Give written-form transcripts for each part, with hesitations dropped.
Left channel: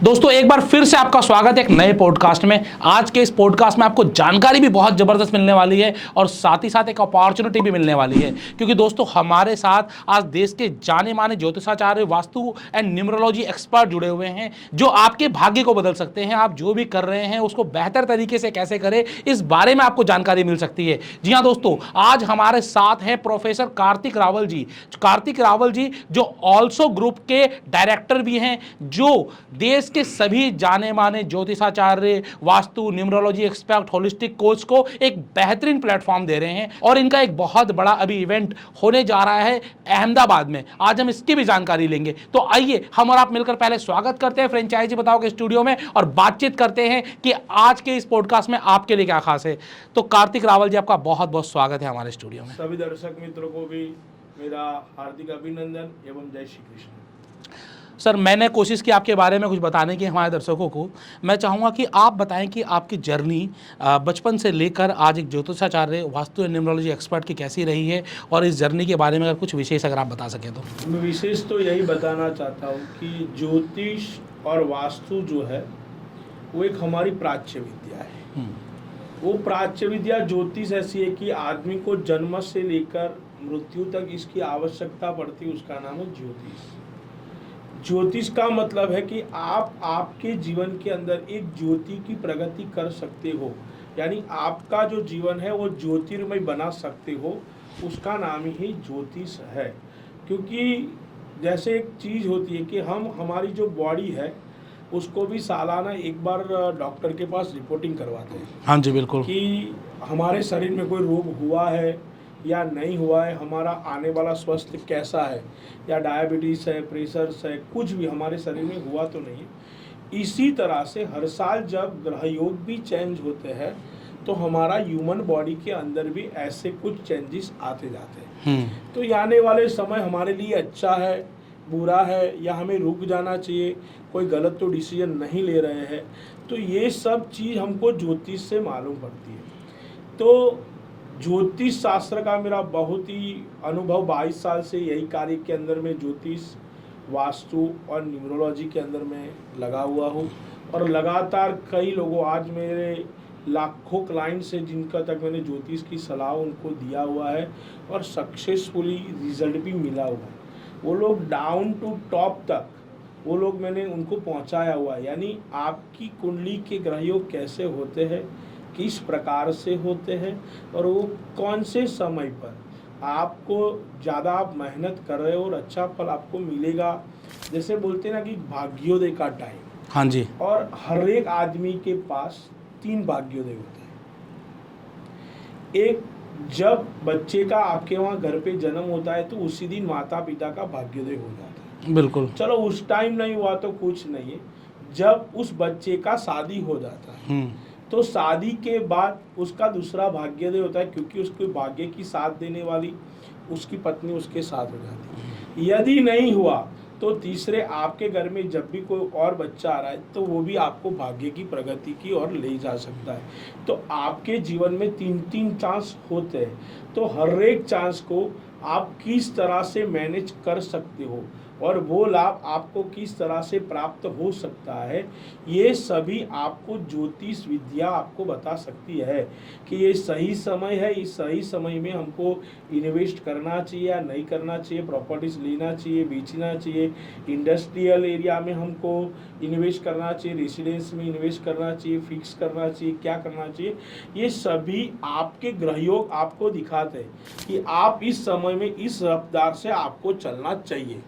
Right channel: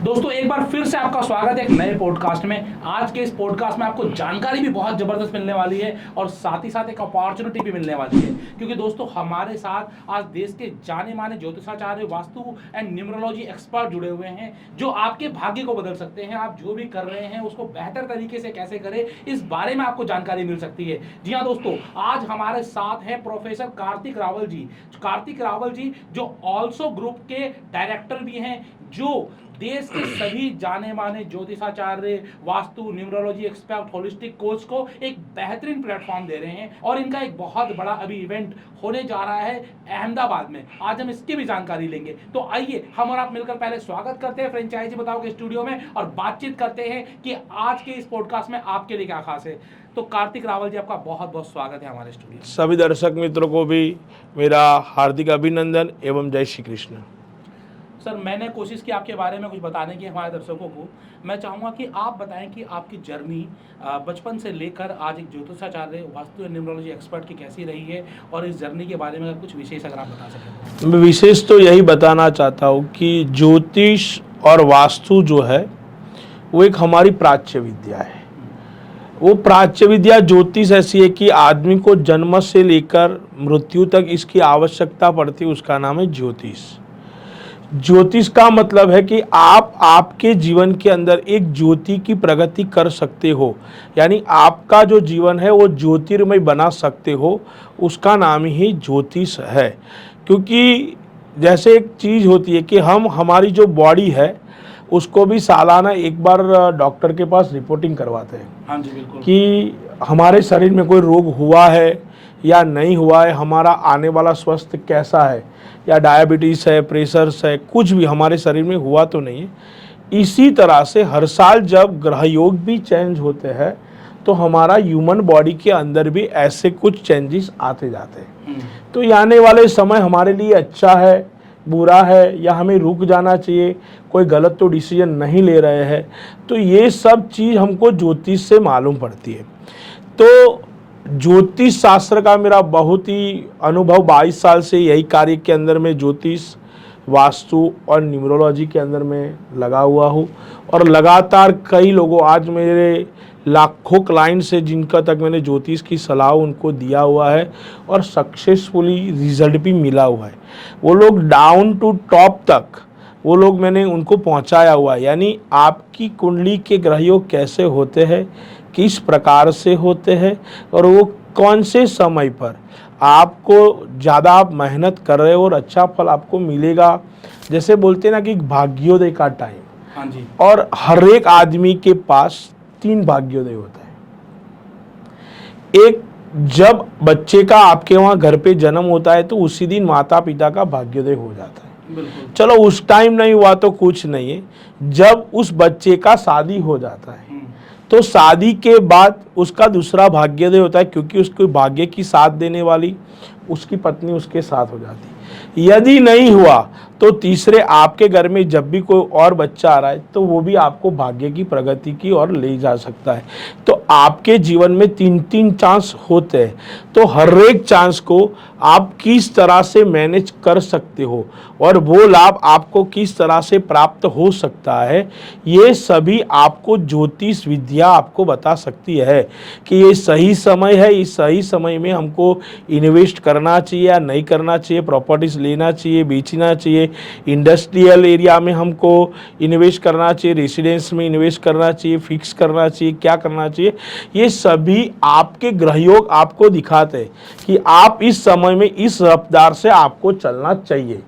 दोस्तों एक बार फिर से आपका स्वागत है एक नए पॉडकास्ट में। आज के इस पॉडकास्ट में आपको जानकारी भी बहुत ज़बरदस्त मिलने वाली है और साथ ही साथ एक अपॉर्चुनिटी भी मिलने वाली है, क्योंकि दोस्तों हमारे साथ आज देश के जाने माने ज्योतिषाचार्य, वास्तु एंड न्यूमरोलॉजी एक्सपर्ट जुड़े हुए हैं, जो आपके भाग्य को बदल सकते हैं। आप जो भी कर रहे हैं उसको बेहतर तरीके से कैसे करें, इस बारे में आपको जानकारी मिल सकती है। जी हाँ दोस्तों, आज हमारे साथ हैं प्रोफेसर कार्तिक रावल जी। कार्तिक रावल जी जो ऑल्सो ग्रुप के डायरेक्टर भी हैं, जो देश के सभी जाने माने ज्योतिषाचार्य, वास्तु, न्यूमरोलॉजी एक्सपर्ट, होलिस्टिक कोच को एक बेहतरीन प्लेटफॉर्म दे रहे हैं। और इनका एक बहुत बड़ा अभी इवेंट होने जा रहा है अहमदाबाद में। आज हम इसकी भी जानकारी लेंगे। तो आइए हम और आप मिलकर पहले स्वागत करते हैं फ्रेंचाइजी बताओ के स्टूडियो में और बातचीत करते हैं कि आज के इस पॉडकास्ट में आपके लिए क्या खास है। तो कार्तिक रावल जी, आपका बहुत बहुत स्वागत है हमारे स्टूडियो में। सभी दर्शक मित्रों को भी मेरा हार्दिक अभिनंदन एवं जय श्री कृष्ण। सर, मैंने कोशिश की आपके बारे में कुछ बताने की हमारे दर्शकों को। मैं चाहूँगा कि आप बताएं कि आपकी जर्नी बचपन से लेकर आज एक ज्योतिषाचार्य, वास्तु एंड न्यूमरोलॉजी एक्सपर्ट की कैसी रही है, और इस जर्नी के बारे में अगर कुछ विशेष अगर आप बता सकें तो। मैं विशेष तो यही बताना चाहता हूँ कि ज्योतिष और वास्तु जो है वो एक हमारी प्राच्य विद्या है। वो प्राच्य विद्या ज्योतिष ऐसी है कि आदमी को जन्म से लेकर मृत्यु तक इसकी आवश्यकता पड़ती है, उसका नाम है ज्योतिष। ज्योतिष का मतलब है कि आप आपके जीवन के अंदर एक ज्योति की प्रगति कर सकते हो, यानी आपका जो जीवन है वो ज्योतिर्मय बना सकते हो, उसका नाम ही ज्योतिष है। क्योंकि जैसे एक चीज़ होती है कि हमारी जो बॉडी है उसको भी सालाना एक बार डॉक्टर के पास रिपोर्टिंग करवाते हैं। हाँ जी, बिल्कुल। कि हमारे शरीर में कोई रोग हुआ है या नहीं हुआ है, हमारा आने वाला स्वास्थ्य कैसा है, या डायबिटीज़ है, प्रेशर्स है, कुछ भी हमारे शरीर में हुआ तो नहीं है। इसी तरह से हर साल जब ग्रह योग भी चेंज होते हैं तो हमारा ह्यूमन बॉडी के अंदर भी ऐसे कुछ चेंजेस आते जाते हैं। तो ये आने वाले समय हमारे लिए अच्छा है, बुरा है, या हमें रुक जाना चाहिए, कोई गलत तो डिसीजन नहीं ले रहे हैं, तो ये सब चीज़ हमको ज्योतिष से मालूम पड़ती है। तो ज्योतिष शास्त्र का मेरा बहुत ही अनुभव, 22 साल से यही कार्य के अंदर में ज्योतिष, वास्तु और न्यूमरोलॉजी के अंदर में लगा हुआ हूँ। और लगातार कई लोगों, आज मेरे लाखों क्लाइंट्स है जिनका तक मैंने ज्योतिष की सलाह उनको दिया हुआ है और सक्सेसफुली रिजल्ट भी मिला हुआ है। वो लोग डाउन टू टॉप तक वो लोग मैंने उनको पहुंचाया हुआ है। यानी आपकी कुंडली के ग्रहयोग कैसे होते हैं, किस प्रकार से होते हैं, और वो कौन से समय पर आपको ज़्यादा आप मेहनत कर रहे हो और अच्छा फल आपको मिलेगा। जैसे बोलते हैं ना कि भाग्योदय का टाइम। हाँ जी। और हर एक आदमी के पास 3 भाग्योदय होता है। एक, जब बच्चे का आपके वहाँ घर पे जन्म होता है तो उसी दिन माता पिता का भाग्योदय हो जाता है। बिल्कुल। चलो उस टाइम नहीं हुआ तो कुछ नहीं है, जब उस बच्चे का शादी हो जाता है तो शादी के बाद उसका दूसरा भाग्योदय होता है, क्योंकि उसको भाग्य की साथ देने वाली उसकी पत्नी उसके साथ हो जाती है। यदि नहीं हुआ तो तीसरे, आपके घर में जब भी कोई और बच्चा आ रहा है तो वो भी आपको भाग्य की प्रगति की ओर ले जा सकता है। तो आपके जीवन में 3-3 चांस होते हैं, तो हर एक चांस को आप किस तरह से मैनेज कर सकते हो और वो लाभ आपको किस तरह से प्राप्त हो सकता है, ये सभी आपको ज्योतिष विद्या आपको बता सकती है कि ये सही समय है, इस सही समय में हमको इन्वेस्ट करना चाहिए या नहीं करना चाहिए, प्रॉपर्टीज लेना चाहिए, बेचना चाहिए, इंडस्ट्रियल एरिया में हमको इन्वेस्ट करना चाहिए, रेसिडेंस में इन्वेस्ट करना चाहिए, फिक्स करना चाहिए, क्या करना चाहिए। ये सभी आपके ग्रहयोग आपको दिखाते हैं कि आप इस समय में इस रफ्तार से आपको चलना चाहिए।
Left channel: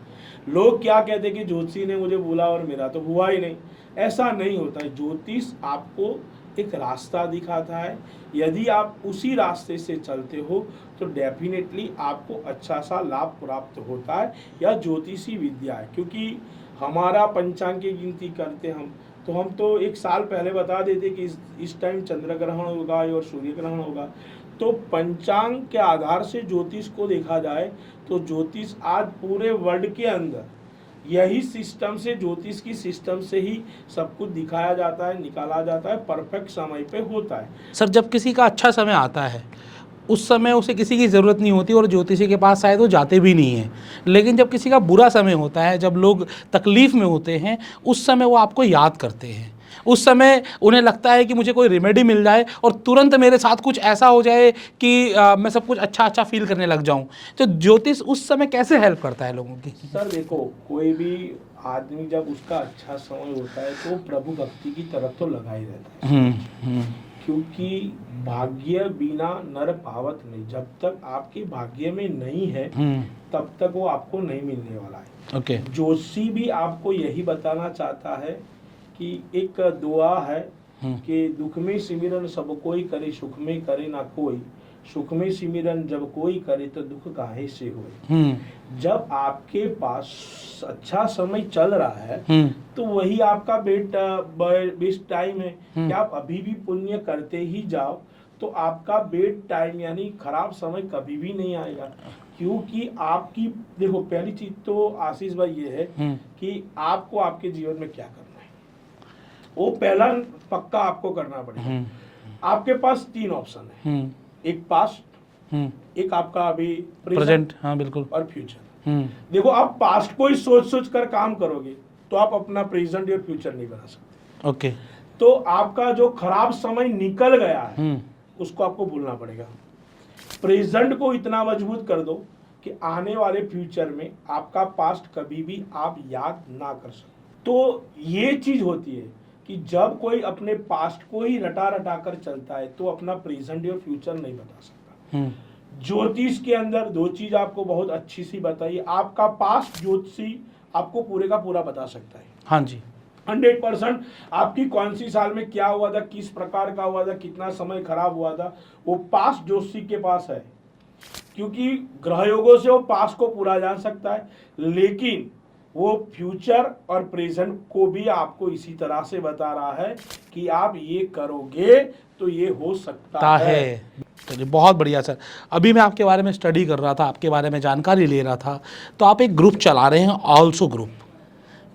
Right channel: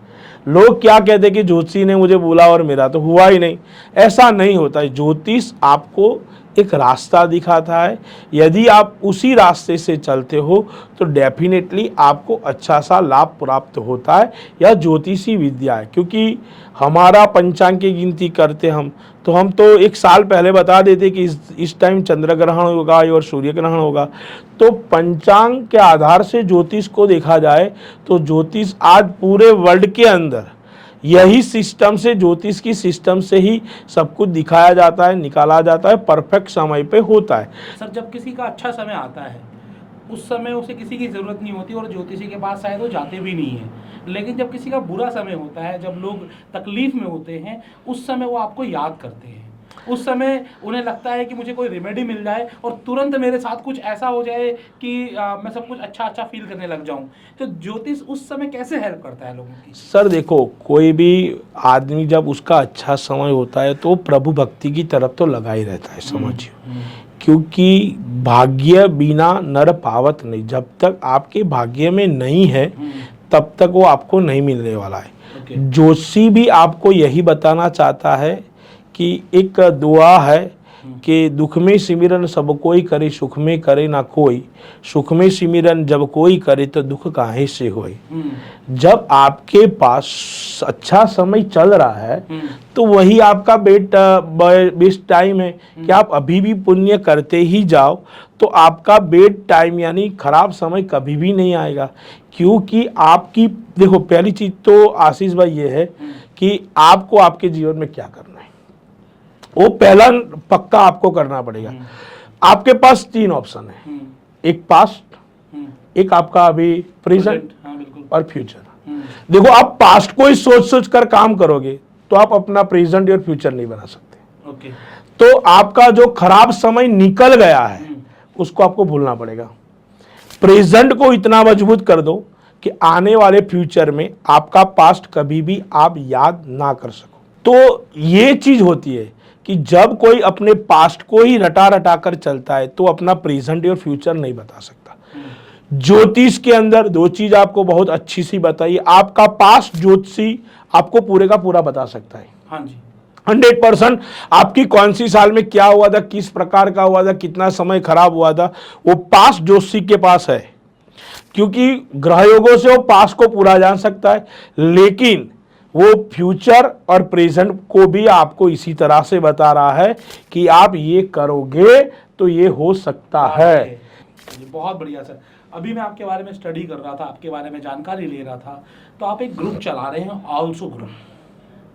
लोग क्या कहते हैं कि ज्योतिषी ने मुझे बोला और मेरा तो हुआ ही नहीं। ऐसा नहीं होता है। ज्योतिष आपको एक रास्ता दिखाता है, यदि आप उसी रास्ते से चलते हो तो डेफिनेटली आपको अच्छा सा लाभ प्राप्त होता है। यह ज्योतिषी विद्या है। क्योंकि हमारा पंचांग की गिनती करते हम तो एक साल पहले बता देते कि इस टाइम चंद्र ग्रहण होगा और सूर्य ग्रहण होगा। तो पंचांग के आधार से ज्योतिष को देखा जाए तो ज्योतिष आज पूरे वर्ल्ड के अंदर यही सिस्टम से, ज्योतिष की सिस्टम से ही सब कुछ दिखाया जाता है, निकाला जाता है, परफेक्ट समय पे होता है। सर, जब किसी का अच्छा समय आता है उस समय उसे किसी की ज़रूरत नहीं होती और ज्योतिषी के पास शायद वो जाते भी नहीं हैं। लेकिन जब किसी का बुरा समय होता है, जब लोग तकलीफ़ में होते हैं, उस समय वो आपको याद करते हैं। उस समय उन्हें लगता है कि मुझे कोई रेमेडी मिल जाए और तुरंत मेरे साथ कुछ ऐसा हो जाए कि मैं सब कुछ अच्छा फील करने लग जाऊं। तो ज्योतिष उस समय कैसे हेल्प करता है लोगों की? सर देखो, कोई भी आदमी जब उसका अच्छा समय होता है तो प्रभु भक्ति की तरफ तो लगा ही रहता है, समझिए। क्योंकि भाग्य बिना नर पावत नहीं, जब तक आपके भाग्य में नहीं है तब तक वो आपको नहीं मिलने वाला है। जोशी भी आपको यही बताना चाहता है कि एक दुआ है कि दुख में सिमरन सब कोई करे, सुख में करे ना कोई, सुख में सिमरन जब कोई करे तो दुख काहे से होए। जब आपके पास अच्छा समय चल रहा है तो वही आपका बेस्ट टाइम है कि आप अभी भी पुण्य करते ही जाओ, तो आपका बेड टाइम यानी खराब समय कभी भी नहीं आएगा। क्योंकि आपकी देखो, पहली चीज तो आशीष भाई ये है कि आपको आपके जीवन में क्या करना है, वो पहला पक्का आपको करना पड़ेगा। आपके पास 3 ऑप्शन है, एक पास्ट, एक आपका अभी प्रेजेंट, हाँ बिल्कुल, और फ्यूचर। देखो, आप पास्ट को ही सोच सोच कर काम करोगे तो आप अपना प्रेजेंट और फ्यूचर नहीं बना सकते। ओके। तो आपका जो खराब समय निकल गया है उसको आपको भूलना पड़ेगा। प्रेजेंट को इतना मजबूत कर दो कि आने वाले फ्यूचर में आपका पास्ट कभी भी आप याद ना कर सको। तो ये चीज होती है कि जब कोई अपने पास्ट को ही रटा रटा कर चलता है तो अपना प्रेजेंट और फ्यूचर नहीं बता सकता। ज्योतिष के अंदर 2 चीज आपको बहुत अच्छी सी बताइए। आपका पास्ट ज्योतिषी आपको पूरे का पूरा बता सकता है। हाँ जी, 100% आपकी कौन सी साल में क्या हुआ था, किस प्रकार का हुआ था, कितना समय खराब हुआ था, वो पास्ट ज्योतिषी के पास है। क्योंकि ग्रह योगों से वो पास्ट को पूरा जान सकता है, लेकिन वो फ्यूचर और प्रेजेंट को भी आपको इसी तरह से बता रहा है कि आप ये करोगे तो ये हो सकता है। चलिए, बहुत बढ़िया सर। अभी मैं आपके बारे में स्टडी कर रहा था, आपके बारे में जानकारी ले रहा था, तो आप एक ग्रुप चला रहे हैं, ऑल्सो ग्रुप,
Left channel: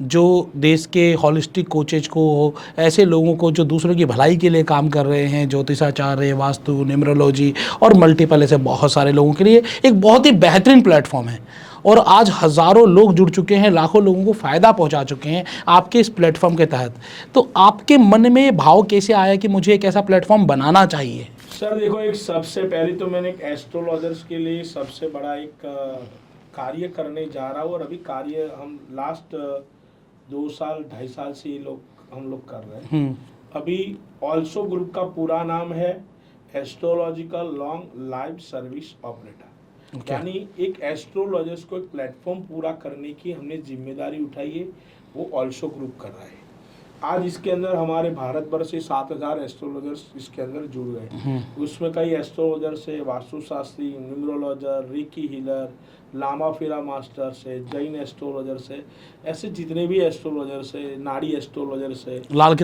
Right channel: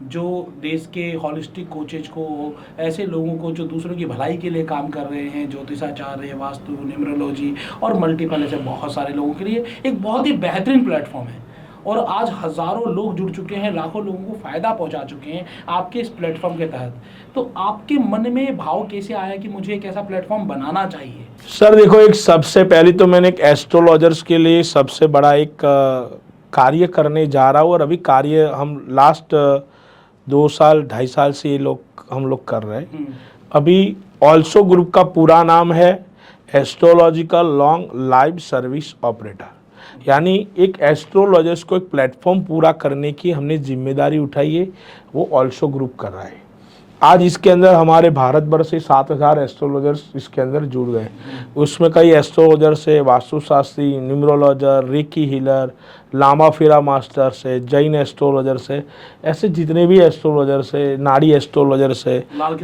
जो देश के हॉलिस्टिक कोचेज को, ऐसे लोगों को जो दूसरों की भलाई के लिए काम कर रहे हैं, ज्योतिषाचार्य, वास्तु, न्यूमरोलॉजी और मल्टीपल ऐसे बहुत सारे लोगों के लिए एक बहुत ही बेहतरीन प्लेटफॉर्म है। और आज हज़ारों लोग जुड़ चुके हैं, लाखों लोगों को फ़ायदा पहुंचा चुके हैं आपके इस प्लेटफॉर्म के तहत। तो आपके मन में भाव कैसे आया कि मुझे एक ऐसा प्लेटफॉर्म बनाना चाहिए? सर देखो, एक सबसे पहले तो मैंने एक एस्ट्रोलॉजर्स के लिए सबसे बड़ा एक कार्य करने जा रहा हूँ, और अभी कार्य हम लास्ट 2 साल 2.5 साल से ये लोग हम लोग कर रहे हैं। अभी ऑल्सो ग्रुप का पूरा नाम है astrological long live service operator, यानी एक एस्ट्रोलॉजर्स को एक प्लेटफॉर्म पूरा करने की हमने जिम्मेदारी उठाई है, वो ऑल्सो ग्रुप कर रहा है। आज इसके अंदर हमारे भारत भर से 7,000 एस्ट्रोलॉजर्स इसके अंदर जुड़ गए। उसमें कई एस्ट्रोलॉजर्स है, वास्तुशास्त्री, न्यूमरोलॉजर, रेकी हीलर, लामा फेरा मास्टर्स है, जैन एस्ट्रोलॉजर्स है, ऐसे जितने भी एस्ट्रोलॉजर्स है, नाड़ी एस्ट्रोलॉजर्स है, लाल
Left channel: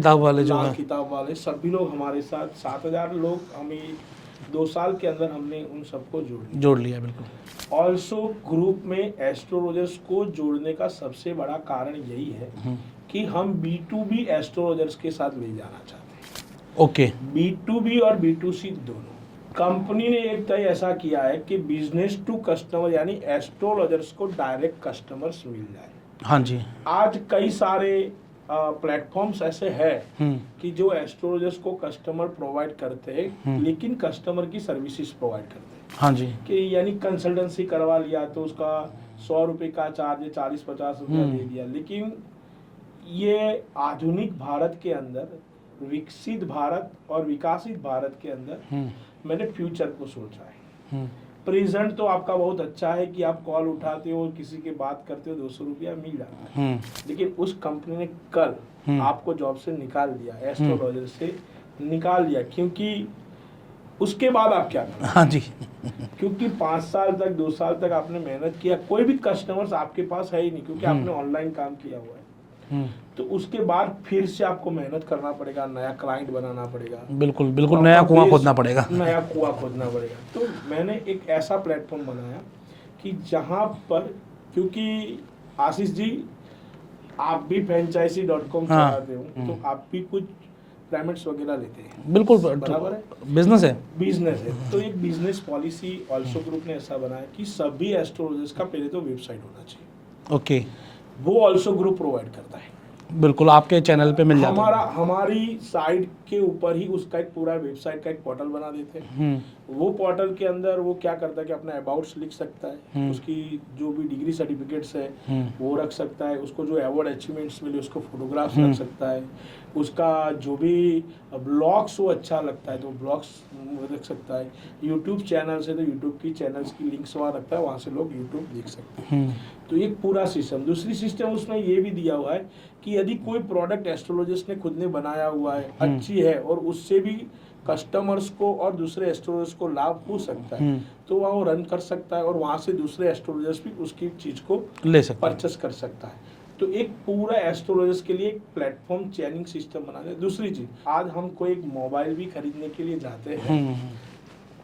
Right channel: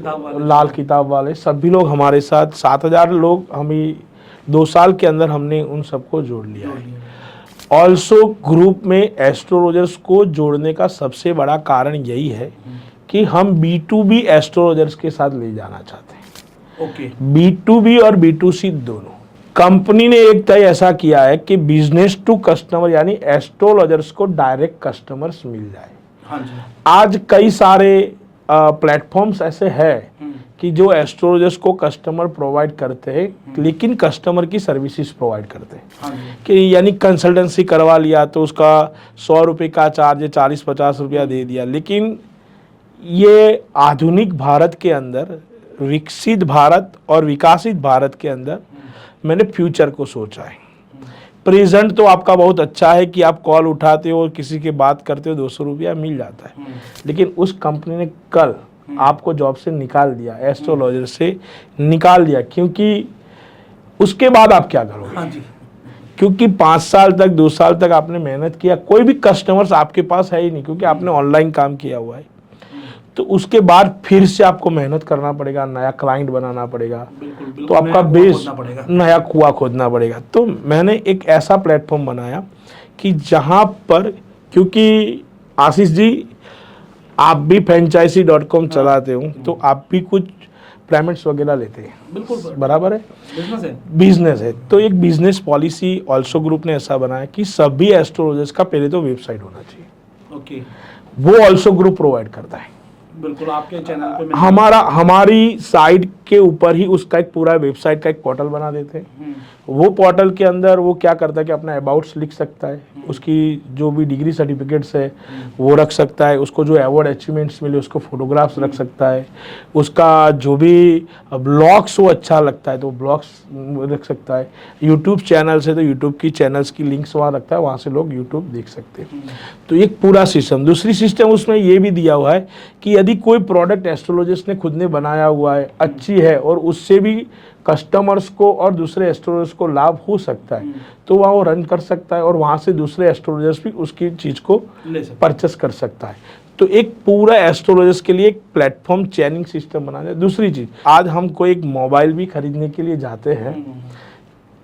किताब वाले सभी लोग हमारे साथ 7,000 लोग हमें 2 साल के अंदर हमने उन सबको जोड़ लिया। ऑल्सो ग्रुप में एस्ट्रोलॉजर्स को जोड़ने का सबसे बड़ा कारण यही है कि हम B2B एस्ट्रोलॉजर्स के साथ ले जाना चाहते हैं। ओके। B2B और B2C दोनों। कंपनी ने एक तय ऐसा किया है कि बिजनेस टू कस्टमर यानी एस्ट्रोलॉजर्स को डायरेक्ट कस्टमर्स मिल जाए। हाँ जी। आज कई सारे प्लेटफॉर्म्स ऐसे हैं कि जो एस्ट्रोलॉजर्स को कस्टमर प्रोवाइड करते हैं, लेकिन कस्टमर की सर्विसेज प्रोवाइड करते हैं। हाँ जी। कि यानी कंसल्टेंसी करवा लिया तो उसका 100 रुपये का चार्ज है, 40-50 रुपया दे दिया। लेकिन ये आधुनिक भारत के अंदर, विकसित भारत और विकासित भारत के अंदर मैंने फ्यूचर को सोचा है। प्रेजेंट तो आपका बहुत अच्छा है कि आप कॉल उठाते हो, किसी की बात करते हो, 200 रुपया मिल जाता है। लेकिन उस कंपनी ने कल आपको जॉब से निकाल दिया, एस्ट्रोलॉजर से निकाल दिया, क्योंकि उसके बाद आप क्या करोगे? हाँ जी। क्योंकि 5 साल तक 2 साल तक आपने मेहनत किया, कोई भी कस्टमर्स आपके पास है ही नहीं, क्योंकि आपने ऑनलाइन काम किया हुआ है। तो उसके बाद फिर से आपको मेहनत करना पड़ेगा, नया क्लाइंट बनाना पड़ेगा। बिल्कुल तो बिल्कुल, नया कुआं खोदना पड़ेगा। नया कुआं खोदना पड़ेगा। तो मैंने एक ऐसा प्लेटफॉर्म बनाया कि जहां पर, क्योंकि आशीष जी आप भी franchisee.com चलाते हो, तो आप भी कुछ पेमेंट्स वगैरह लेते हैं। बिल्कुल बराबर है, बिजनेस है। तो एक बिजनेस पॉलिसी ऑल्सो ग्रुप ने ऐसा बनाया कि सभी एस्ट्रोलॉजर्स का पहले तो वेबसाइट होना चाहिए। ओके, वो ऑल्सो ग्रुप प्रोवाइड करता है। बिल्कुल आपके चैनल पे मिल हमारी साइट के ऊपर ही उसका एक पूरा वेबसाइट का एक पोर्टल बना देते हैं। वो पोर्टल के अंदर वो क्या करता है कि अपना अबाउट्स लिख सकता है, उसकी जो भी डिग्री सर्टिफिकेट्स है वो रख सकता है, उसको जो अवार्ड अचीवमेंट्स मिले उसको फोटोग्राफ्स रख सकता है, उसका जो भी ब्लॉग्स वो अच्छा लगता है तो ब्लॉग्स रख सकता है। यूट्यूब चैनल से तो यूट्यूब की चैनल्स की लिंक्स वहाँ रखता है, वहाँ से लोग यूट्यूब देख सकते हैं। तो एक पूरा सिस्टम। दूसरी सिस्टम उसमें ये भी दिया हुआ है कि यदि कोई प्रोडक्ट एस्ट्रोलॉजिस्ट ने खुद ने बनाया हुआ है, अच्छी है और उससे भी कस्टमर्स को और दूसरे एस्ट्रोलॉजर्स को लाभ हो सकता है, तो वहाँ वो रन कर सकता है और वहाँ से दूसरे एस्ट्रोलॉजर्स भी उसकी चीज़ को ले सकते परचेस कर सकता है। तो एक पूरा एस्ट्रोलॉजर्स के लिए एक प्लेटफॉर्म चैनिंग सिस्टम बना दिया। दूसरी चीज़, आज हम कोई एक मोबाइल भी खरीदने के लिए जाते हैं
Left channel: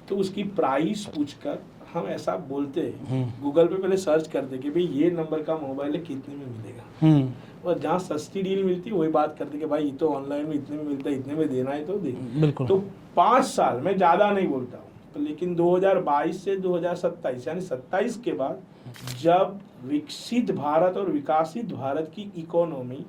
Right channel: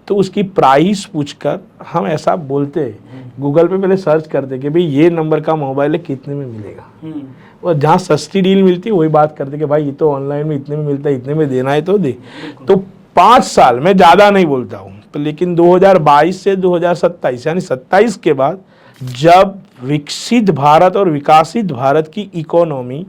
तो उसकी प्राइस पूछकर हम ऐसा बोलते हैं, गूगल पे पहले सर्च करते कि भाई ये नंबर का मोबाइल है, कितने में मिलेगा, और जहाँ सस्ती डील मिलती है वही बात करते कि भाई ये तो ऑनलाइन में इतने में मिलता है, इतने में देना है तो दे। तो 5 साल, मैं ज़्यादा नहीं बोलता हूँ, तो लेकिन 2022 से 2027 यानी 27 के बाद जब विकसित भारत और विकासित भारत की इकोनॉमी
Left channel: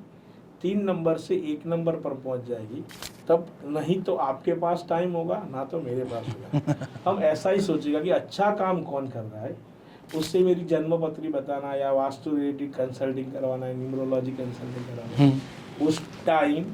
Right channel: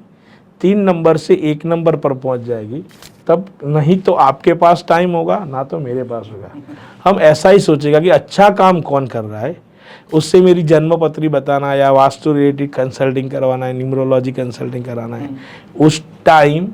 3 नंबर से 1 नंबर पर पहुंच जाएगी, तब नहीं तो आपके पास टाइम होगा ना तो मेरे पास होगा। हम ऐसा ही सोचेगा कि अच्छा काम कौन कर रहा है, उससे मेरी जन्म पत्री बताना या वास्तु रिलेटेड कंसल्टिंग करवाना है, न्यूमरोलॉजी कंसल्टिंग कराना है, उस टाइम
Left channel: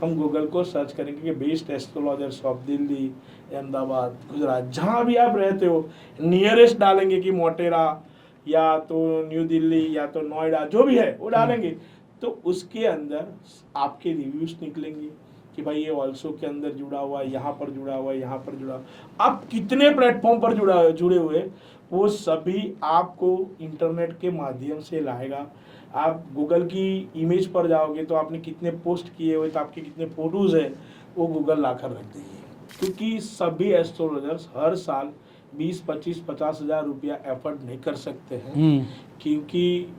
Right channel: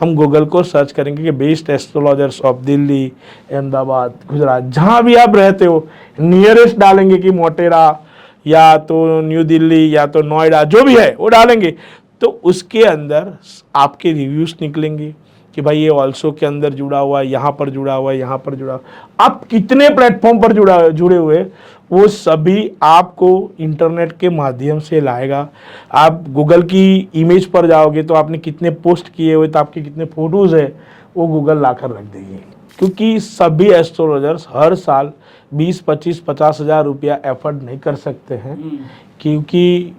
हम गूगल को सर्च करेंगे कि best astrologers of Delhi, Ahmedabad, Gujarat, जहाँ भी आप रहते हो नियरेस्ट डालेंगे कि मोटेरा या तो न्यू दिल्ली या तो नोएडा, जो भी है वो डालेंगे, तो उसके अंदर आपके रिव्यूज निकलेंगे कि भाई ये ऑल्सो के अंदर जुड़ा हुआ है, यहाँ पर जुड़ा हुआ है, यहाँ पर जुड़ा हुआ है। आप कितने प्लेटफॉर्म पर जुड़े हुए वो सभी आपको इंटरनेट के माध्यम से लाएगा। आप गूगल की इमेज पर जाओगे तो आपने कितने पोस्ट किए हुए, तो आपके कितने फोटोज़ है वो गूगल लाकर रख देंगे, क्योंकि सभी एस्ट्रोलॉजर्स हर साल 20, 25, 50 हज़ार रुपया एफर्ट नहीं कर सकते हैं, क्योंकि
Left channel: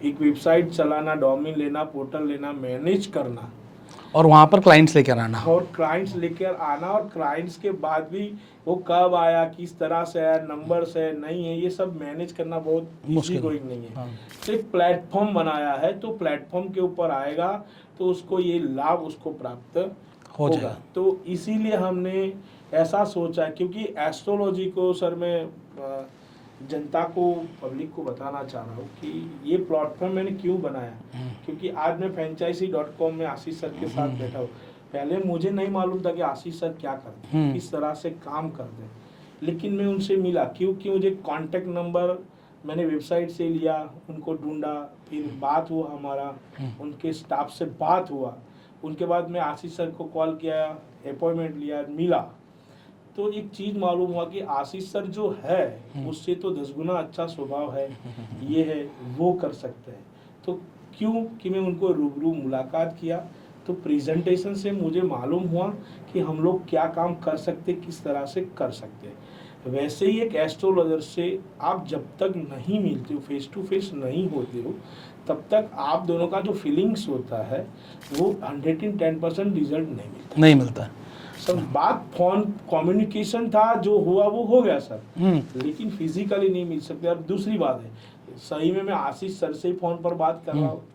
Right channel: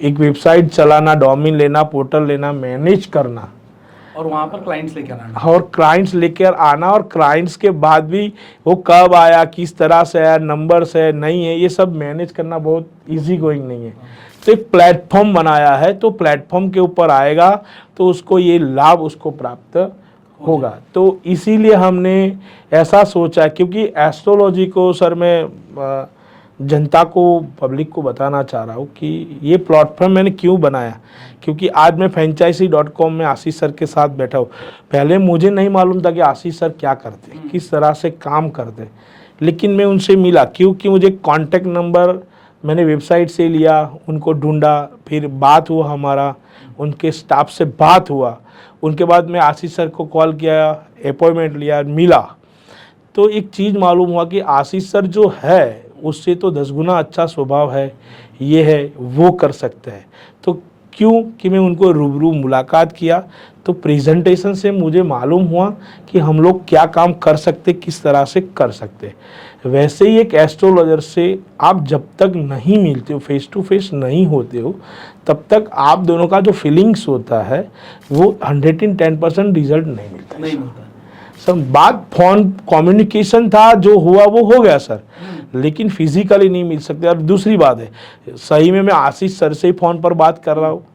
एक वेबसाइट चलाना, डोमेन लेना, पोर्टल लेना, मैनेज करना और वहाँ पर क्लाइंट्स लेकर आना, और क्लाइंट्स लेकर आना, और क्लाइंट्स के बाद भी वो कब आया, किस तरह से आया, नंबर्स है नहीं है, ये सब मैनेज करना बहुत इजी गोइंग नहीं है। तो एक प्लेटफॉर्म बनाया है, तो प्लेटफॉर्म के ऊपर आएगा तो उसको ये लाभ उसको प्राप्त होगा। तो इसीलिए हमने ऐसा सोचा, क्योंकि एस्ट्रोलॉजी को सर मैं जनता को, पब्लिक को बताना चाह रहा हूँ कि ये प्लेटफॉर्म मैंने क्यों बनाया, क्योंकि आज मैं franchisee.com में आशीष सर के साथ बैठा हूँ। पहले मुझे नहीं मालूम था कि आशीष सर क्या करते हैं, किस तरह से काम करते हैं, लेकिन मैं उनसे मिला, क्योंकि मुझे कॉन्टेक्ट नंबर मैंने वेबसाइट से लिया, उनको ढूंढा, फिर बात हुआ हमारा, उनके स्टाफ से बात हुआ, उनके बाद मैं आशीष सर को कॉल किया, अपॉइंटमेंट लिया, मिला, तो एक चीज़ मालूम हुआ कि आशीष सर जो है उससे तो 10 गुना अच्छा स्वभाव है, ये है वो कर सकते हैं। तो क्यों कि मैं उनको रूबरू मुलाकात किया, तो प्रेजेंटेशन से मुझे मालूम हुआ कि हम लोग क्या काम कर सकते, किस तरह से कर सकते। वैसे ही एक एस्ट्रोलॉजर से आप जब तक नहीं मिलते हो, फेस टू फेस नहीं होते हो, तब तक आप दोनों का जो फीलिंग्स होता है वो 110% रिजल्ट नहीं मिलता। सर बात फोन कम्युनिकेशन था, जो हुआ वो हो गया सर, लेकिन फिजिकली नहीं मिल सकते। और दूसरी बात है, सही में मैं आशीष सर से ही फ़ोन पर बात कर रहा हूँ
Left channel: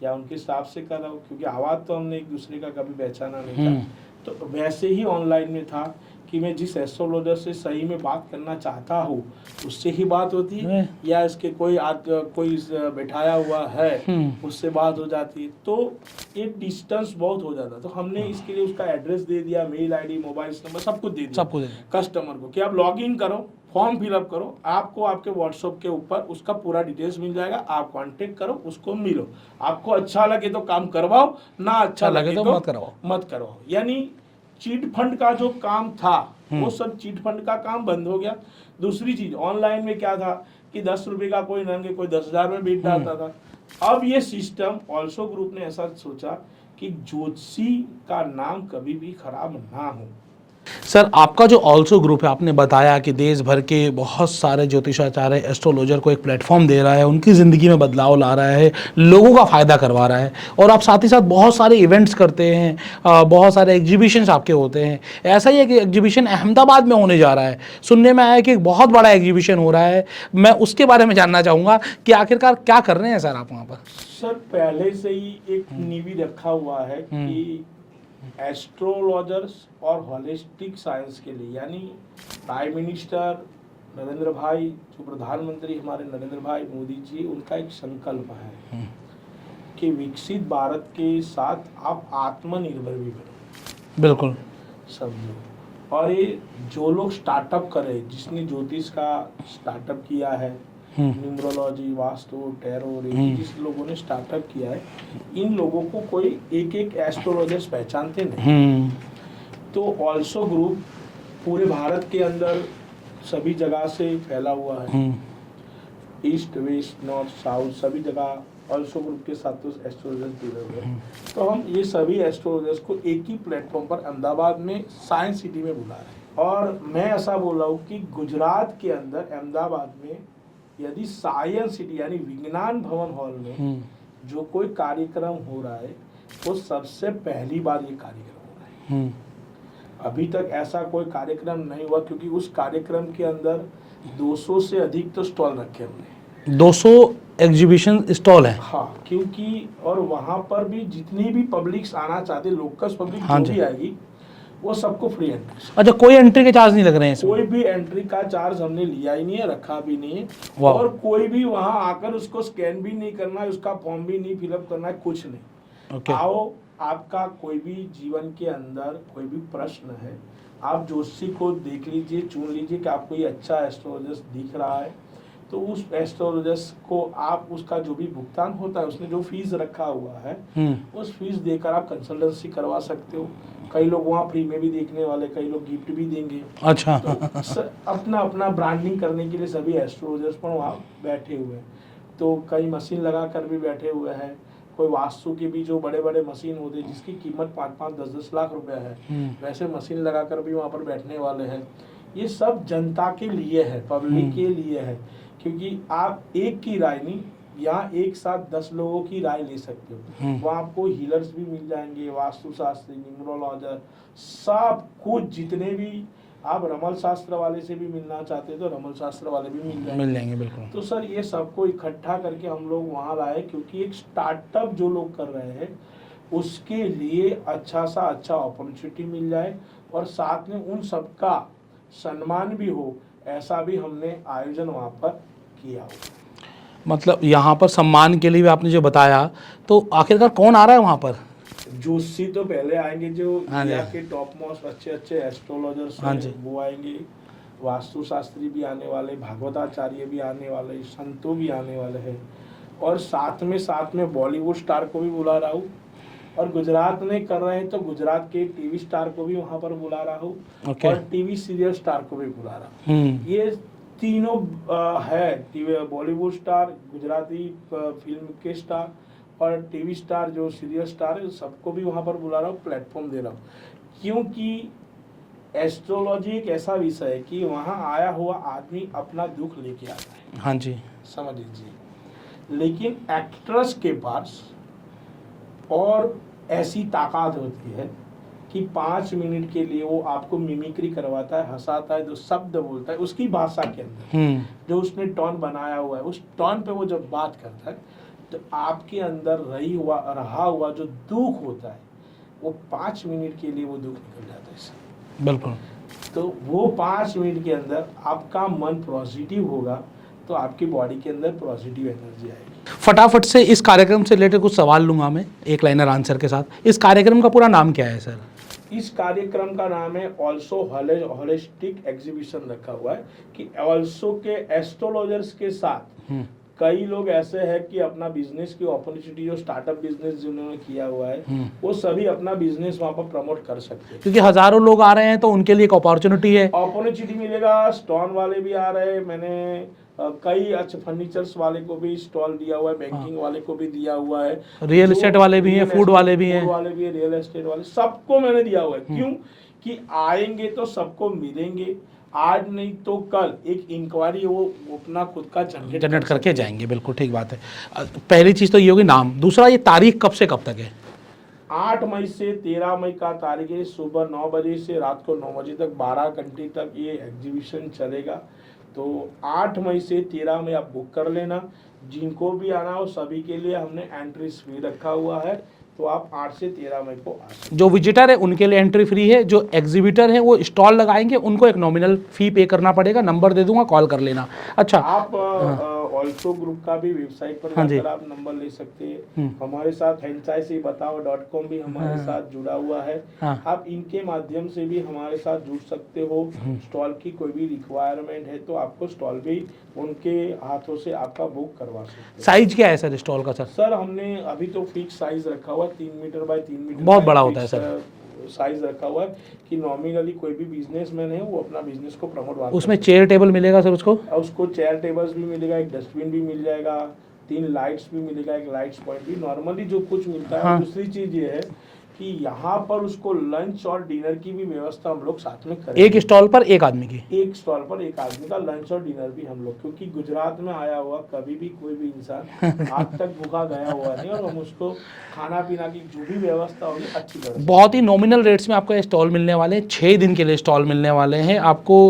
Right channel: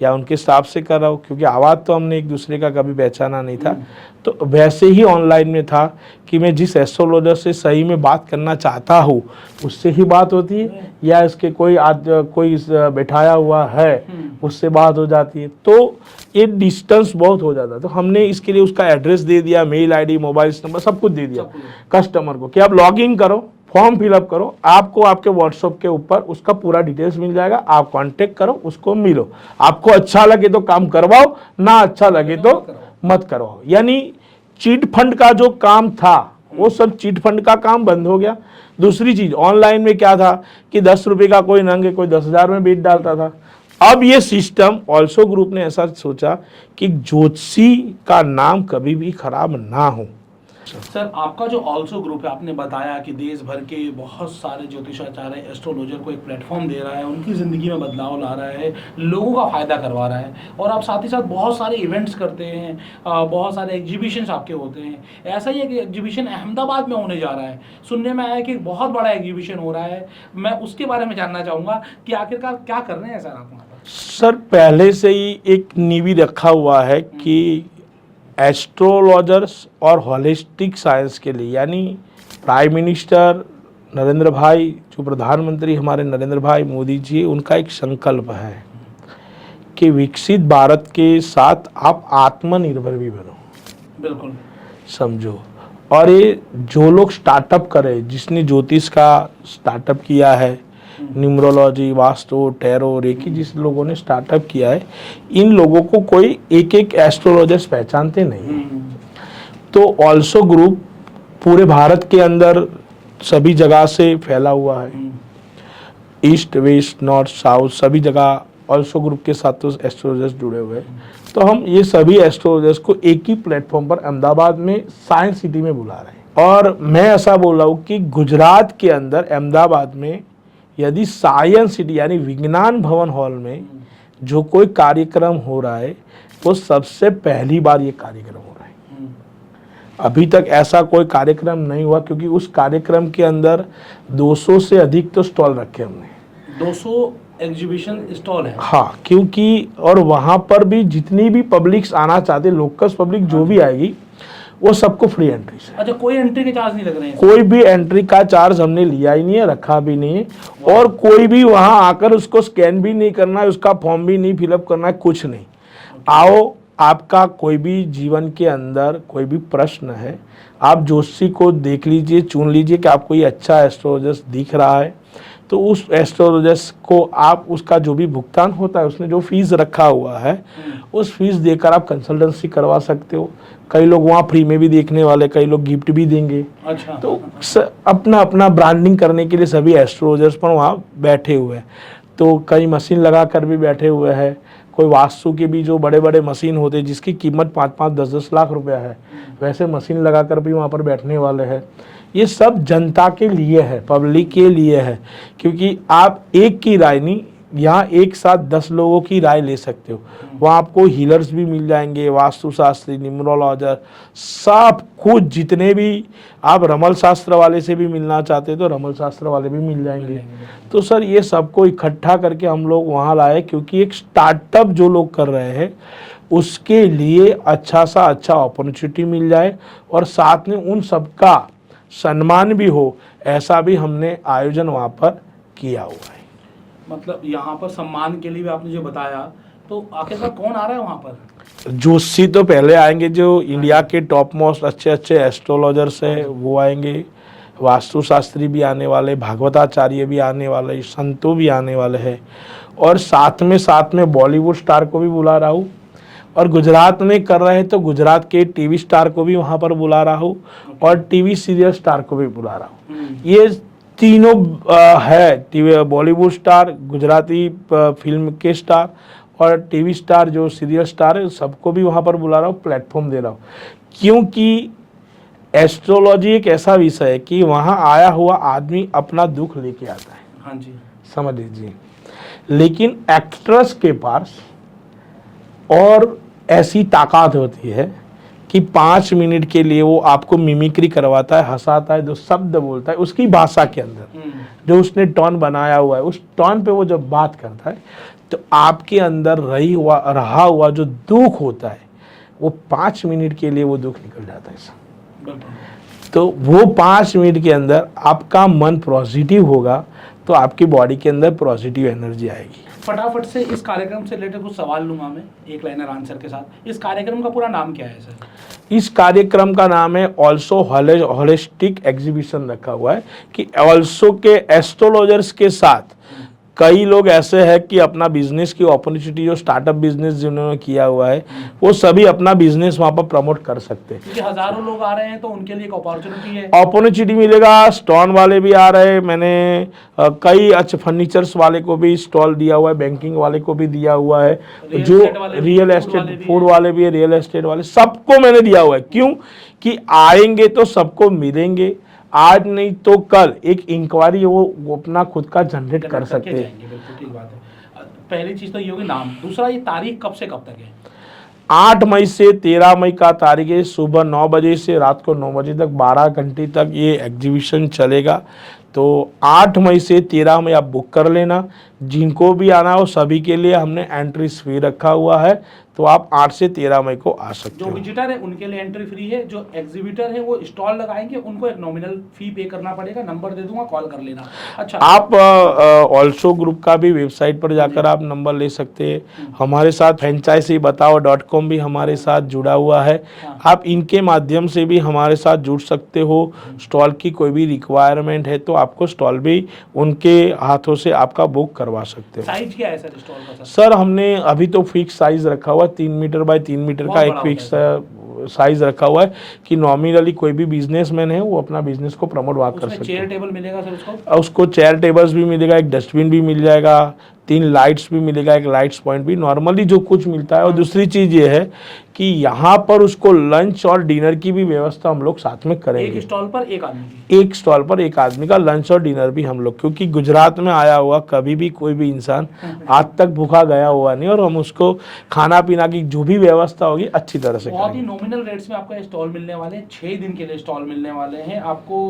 या उनके स्टाफ से कर रहा हूँ, क्योंकि आवाज़ तो हमने एक दूसरे का कभी पहचाना नहीं था। तो वैसे ही ऑनलाइन में था कि मैं जिस एस्ट्रोलॉजर से सही में बात करना चाहता हूँ उससे ही बात होती है, या इसके कोई बैठाया हुआ है उससे बात हो जाती है, तो ये डिस्टेंस बहुत हो जाता है। तो हमने इसके लिए उसका एड्रेस दे दिया, मेल आईडी, मोबाइल नंबर, सब कुछ दे दिया कस्टमर को कि आप लॉग इन करो, फॉर्म फिलअप करो, आपको आपके व्हाट्सएप के ऊपर उसका पूरा डिटेल्स मिल जाएगा, आप कांटेक्ट करो, उसको मिलो, आपको अच्छा लगे तो काम करवाओ, ना अच्छा लगे तो मत करवाओ। यानी चीट फंड का जो काम था वो सब चीट फंड का काम बंद हो गया। दूसरी चीज, ऑनलाइन में क्या था कि 10 रुपए का कोई नंगे, कोई 10,000 में बेच डालता था। अब ये सिस्टम ऑल्सो ग्रुप ने ऐसा सोचा कि ज्योतिषी का नाम कभी भी खराब ना हो, सर आपका जो ऑल्सो ग्रुप है, आपने बताया कि देश भर के बहुत सारे ज्योतिषाचार्य एस्ट्रोलॉजर को एक प्लेटफॉर्म दे रहा है, उनकी ज़िंदगी में बदलाव ला रहा है, लोगों का फ़ायदा करवा रहा है, और आप साथ ही साथ बहुत सारे इवेंट्स करते हैं, बहुत सारे एग्जीबिशंस आपके होते हैं। ऐसा ही एक एग्जीबिशन अहमदाबाद में होने जा रहा है, सुनने में आया है कि एक बहुत बड़ा एग्जीबिशन हो रहा है। मैं उसके बारे में जानना चाहूँगा कि आखिरकार क्या कर रहे हैं सर आप वहाँ पर? सर पहले से ही एक नींव रखा हुआ है कि एस्ट्रोलॉजर्स और होलिस्टिक साइंस के लिए, यानी प्राइम मिनिस्टर नरेंद्र भाई, जो प्रधानमंत्री हमारे नरेंद्र भाई मोदी जी, उनका एक संकल्प है कि विकसित भारत के साथ आप आत्मनिर्भर भी बनो। बिल्कुल समझो। और ये जो लोग स्टार्टअप करे, जिसने ज्योतिष का स्टार्टअप किया है, न्यूमरोलॉजी, वास्तु, टैरो, रेकी, जिस लोगों ने स्टार्टअप किया है, इन लोगों को कोई एक एक एस्ट्रोलॉजर्स पहचानते नहीं। तो ऑल्सो ग्रुप पूरे भारत के अंदर सभी जगह से फैला हुआ है, ईस्ट, वेस्ट, नॉर्थ, साउथ, सभी जगह ऑल्सो ग्रुप के साथ तो एस्ट्रोलॉजर्स जुड़े हुए हैं। तो हम ये सभी एस्ट्रोलॉजर्स को एक ही प्लेटफॉर्म पर अहमदाबाद में साइंस सिटी में बुला रहे हैं। और मैं ऐसा बोल रहा हूँ कि गुजरात के अंदर अहमदाबाद में यदि साइंस सिटी यानी विज्ञान भवन हॉल में जो कोई कार्यक्रम हो रहा है, तो सबसे पहली बार ये कार्यक्रम हो रहा है। अभी तक ऐसा कोई कार्यक्रम नहीं हुआ, क्योंकि उस कार्यक्रम के अंदर 200 से अधिक तो स्टॉल रखे हमने। 200 एग्जीबिशन स्टॉल है? हाँ, क्योंकि और वहाँ पर भी जितनी भी पब्लिक्स आना चाहते, लोकल पब्लिक जो भी आएगी, वो सबको फ्री एंट्री। अच्छा, कोई एंट्री के चार्ज नहीं लग रहे हैं? कोई भी एंट्री का चार्ज हमने लिया ही नहीं है, रखा भी नहीं है, और कोई भी वहाँ आकर उसको स्कैन भी नहीं करना है, उसका फॉर्म भी नहीं फिलअप करना है, कुछ नहीं। आओ, आपका कोई भी जीवन के अंदर कोई भी प्रश्न है, आप ज्योतिषी को देख लीजिए, चुन लीजिए कि आपको ये अच्छा एस्ट्रोलॉजर्स दिख रहा है, तो उस एस्ट्रोलॉजर्स को आप उसका जो भी भुगतान होता है, उसने जो फीस रखा हुआ है, उस फीस देकर आप कंसल्टेंसी करवा सकते हो। कई लोग वहाँ फ्री में भी देखने वाले, कई लोग गिफ्ट भी देंगे। अच्छा। तो अपना अपना ब्रांडिंग करने के लिए सभी एस्ट्रोलॉजर्स पर वहाँ बैठे हुए हैं। तो कई मशीन लगा कर भी बैठे हुए हैं, कोई वास्तु के भी जो बड़े बड़े मशीन होते हैं जिसकी कीमत 5-5, 10-10 लाख रुपया है, वैसे मशीन लगा कर भी वहाँ पर बैठने वाले हैं। ये सब जनता के लिए है, पब्लिक के लिए है, क्योंकि आप एक की राय नहीं, यहाँ एक साथ 10 लोगों की राय ले सकते हो। वहाँ आपको हीलर्स भी मिल जाएंगे, वास्तुशास्त्री, न्यूमरोलॉजर, सब कुछ, जितने भी आप रमल शास्त्र वाले से भी मिलना चाहते हो तो रमल शास्त्र वाले भी मिल जाएंगे। तो सर ये सबको इकट्ठा करके हम लोग वहाँ लाए, क्योंकि एक स्टार्टअप जो लोग कर रहे हैं उसके लिए अच्छा सा अच्छा अपॉर्चुनिटी मिल जाए, और साथ में उन सबका सम्मान भी हो, ऐसा भी हमने आयोजन वहाँ पर किया हुआ है। मतलब यहाँ पर सम्मान के लिए भी आपने जो बताया, तो आखिरकार कौन आ रहा है वहाँ पर? जोशी तो पहले आएंगे, जो इंडिया के टॉप मोस्ट अच्छे अच्छे एस्ट्रोलॉजर्स हैं वो आएंगे, वास्तुशास्त्री भी आने वाले, भागवताचार्य भी आने वाले, संतों भी आने वाले हैं, और साथ में बॉलीवुड स्टार को भी बुला रहा हूँ, और गुजरात में कर रहे हैं तो गुजरात के टीवी स्टार को भी वहाँ पर बुला रहा हूँ, और टीवी सीरियल स्टार को भी बुला रहा हूँ। ये तीनों है, बॉलीवुड स्टार, गुजराती फिल्म के स्टार और टीवी स्टार जो सीरियल स्टार है, सबको भी वहाँ पर बुला रहा हूँ, प्लेटफॉर्म दे रहा हूँ। क्योंकि एस्ट्रोलॉजी एक ऐसा विषय है कि वहाँ आया हुआ आदमी अपना दुख लेके आता है। हाँ जी, समझ लीजिए। लेकिन एक्ट्रेस के पास और ऐसी ताकत होती है कि 5 मिनट के लिए वो आपको मिमिक्री करवाता है, हंसाता है, जो शब्द बोलता है उसकी भाषा के अंदर, जो उसने टोन बनाया हुआ है, उस टोन पे वो जब बात करता है तो आपके अंदर रहा हुआ जो दुख होता है, वो 5 मिनट के लिए वो दुख निकल जाता है। बिल्कुल। तो वो 5 मिनट के अंदर आपका मन पॉजिटिव होगा, तो आपकी बॉडी के अंदर पॉजिटिव एनर्जी आएगी। फटाफट से इस कार्यक्रम से रिलेटेड कुछ सवाल लूंगा मैं, एक लाइनर आंसर के साथ। इस कार्यक्रम का पूरा नाम क्या है सर? इस कार्यक्रम का नाम है ऑल्सो होलिस्टिक एग्जीबिशन रखा हुआ है, कि ऑल्सो के एस्ट्रोलॉजर्स के साथ कई लोग ऐसे हैं कि अपना बिजनेस की अपॉर्चुनिटी, जो स्टार्टअप बिजनेस जिन्होंने किया हुआ है, वो सभी अपना बिजनेस वहां पर प्रमोट कर सकते हैं, क्योंकि हजारों लोग आ रहे हैं तो उनके लिए एक अपॉर्चुनिटी है। अपॉर्चुनिटी मिलेगा। स्टोन वाले भी आ रहे हैं, मैंने कई अच्छे फर्नीचर्स वाले को भी स्टॉल दिया हुआ है, बैंकिंग वाले को भी दिया हुआ है, रियल एस्टेट वाले भी हैं, फूड वाले भी हैं। फूड वाले भी है, रियल एस्टेट वाले, सबको मैंने दिया हुआ है। क्यों कि आएंगे तो सबको मिलेंगे, आज नहीं तो कल एक इंक्वायरी वो अपना खुद का जनरेट कर करके सकते हैं। जाएंगे। बिल्कुल ठीक बात है। पहली चीज तो ये होगी नाम। दूसरा, ये तारीख कब से कब तक है? 8 मई से 13 मई का तारीख है। सुबह 9 बजे से रात को 9 बजे तक 12 घंटे तक ये एग्जीबिशन चलेगा। तो 8 मई से 13 मई आप बुक कर लेना। जिनको भी आना हो सभी के लिए हमने एंट्री फी रखा हुआ है, तो आप 8 से 13 मई को आ सकते जो विजिटर है उनके लिए एंट्री फ्री है। जो एग्जीबिटर है वो स्टॉल लगाएंगे, उनको एक नॉमिनल फी पे करना पड़ेगा। नंबर दे दूंगा, कॉल कर लेना। अच्छा, आप ऑल्सो ग्रुप का भी वेबसाइट पर जाकर आप नंबर ले सकते हैं। हमारे साथ franchisebataao.com भी हमारे साथ जुड़ा हुआ है। आप इनके माध्यम से भी हमारे साथ जुड़ सकते हो। स्टॉल की कोई भी रिक्वायरमेंट है तो आपको स्टॉल भी उनके हाथों से आपका बुक करवा सकते हैं। साइज क्या है सर स्टॉल का? सर हमने अभी तो फिक्स साइज रखा हुआ, 3 मीटर बाय 3 मीटर का एक फिक्स साइज रखा हुआ है कि नॉमिनली कोई भी बिजनेसमैन है वो अपना बिजनेस को प्रमोट कर सकते हैं। उसमें चेयर टेबल मिलेगा सर उसको चेयर टेबल्स भी मिलेगा, एक डस्टबिन भी मिल जाएगा, 3 लाइट्स भी मिलेगा, एक लाइट्स पॉइंट भी, नॉर्मली जो कुछ मिलता है। और दूसरी चीज ये है कि यहाँ पर उसको लंच और डिनर की भी व्यवस्था हम लोग साथ में करेंगे। एक स्टॉल पर एक आदमी की? एक स्टॉल पर एक आदमी का लंच और डिनर भी हम लोग, क्योंकि गुजरात में आया हुआ कभी भी कोई भी इंसान आज तक भूखा गया हुआ नहीं, और हम उसको खाना पीना की जो भी व्यवस्था होगी अच्छी तरह से। बहुत ही नॉमिनल रेट्स में आपको ये स्टॉल मिलने वाले हैं। 6 दिन के लिए स्टॉल मिलने वाले हैं आपको।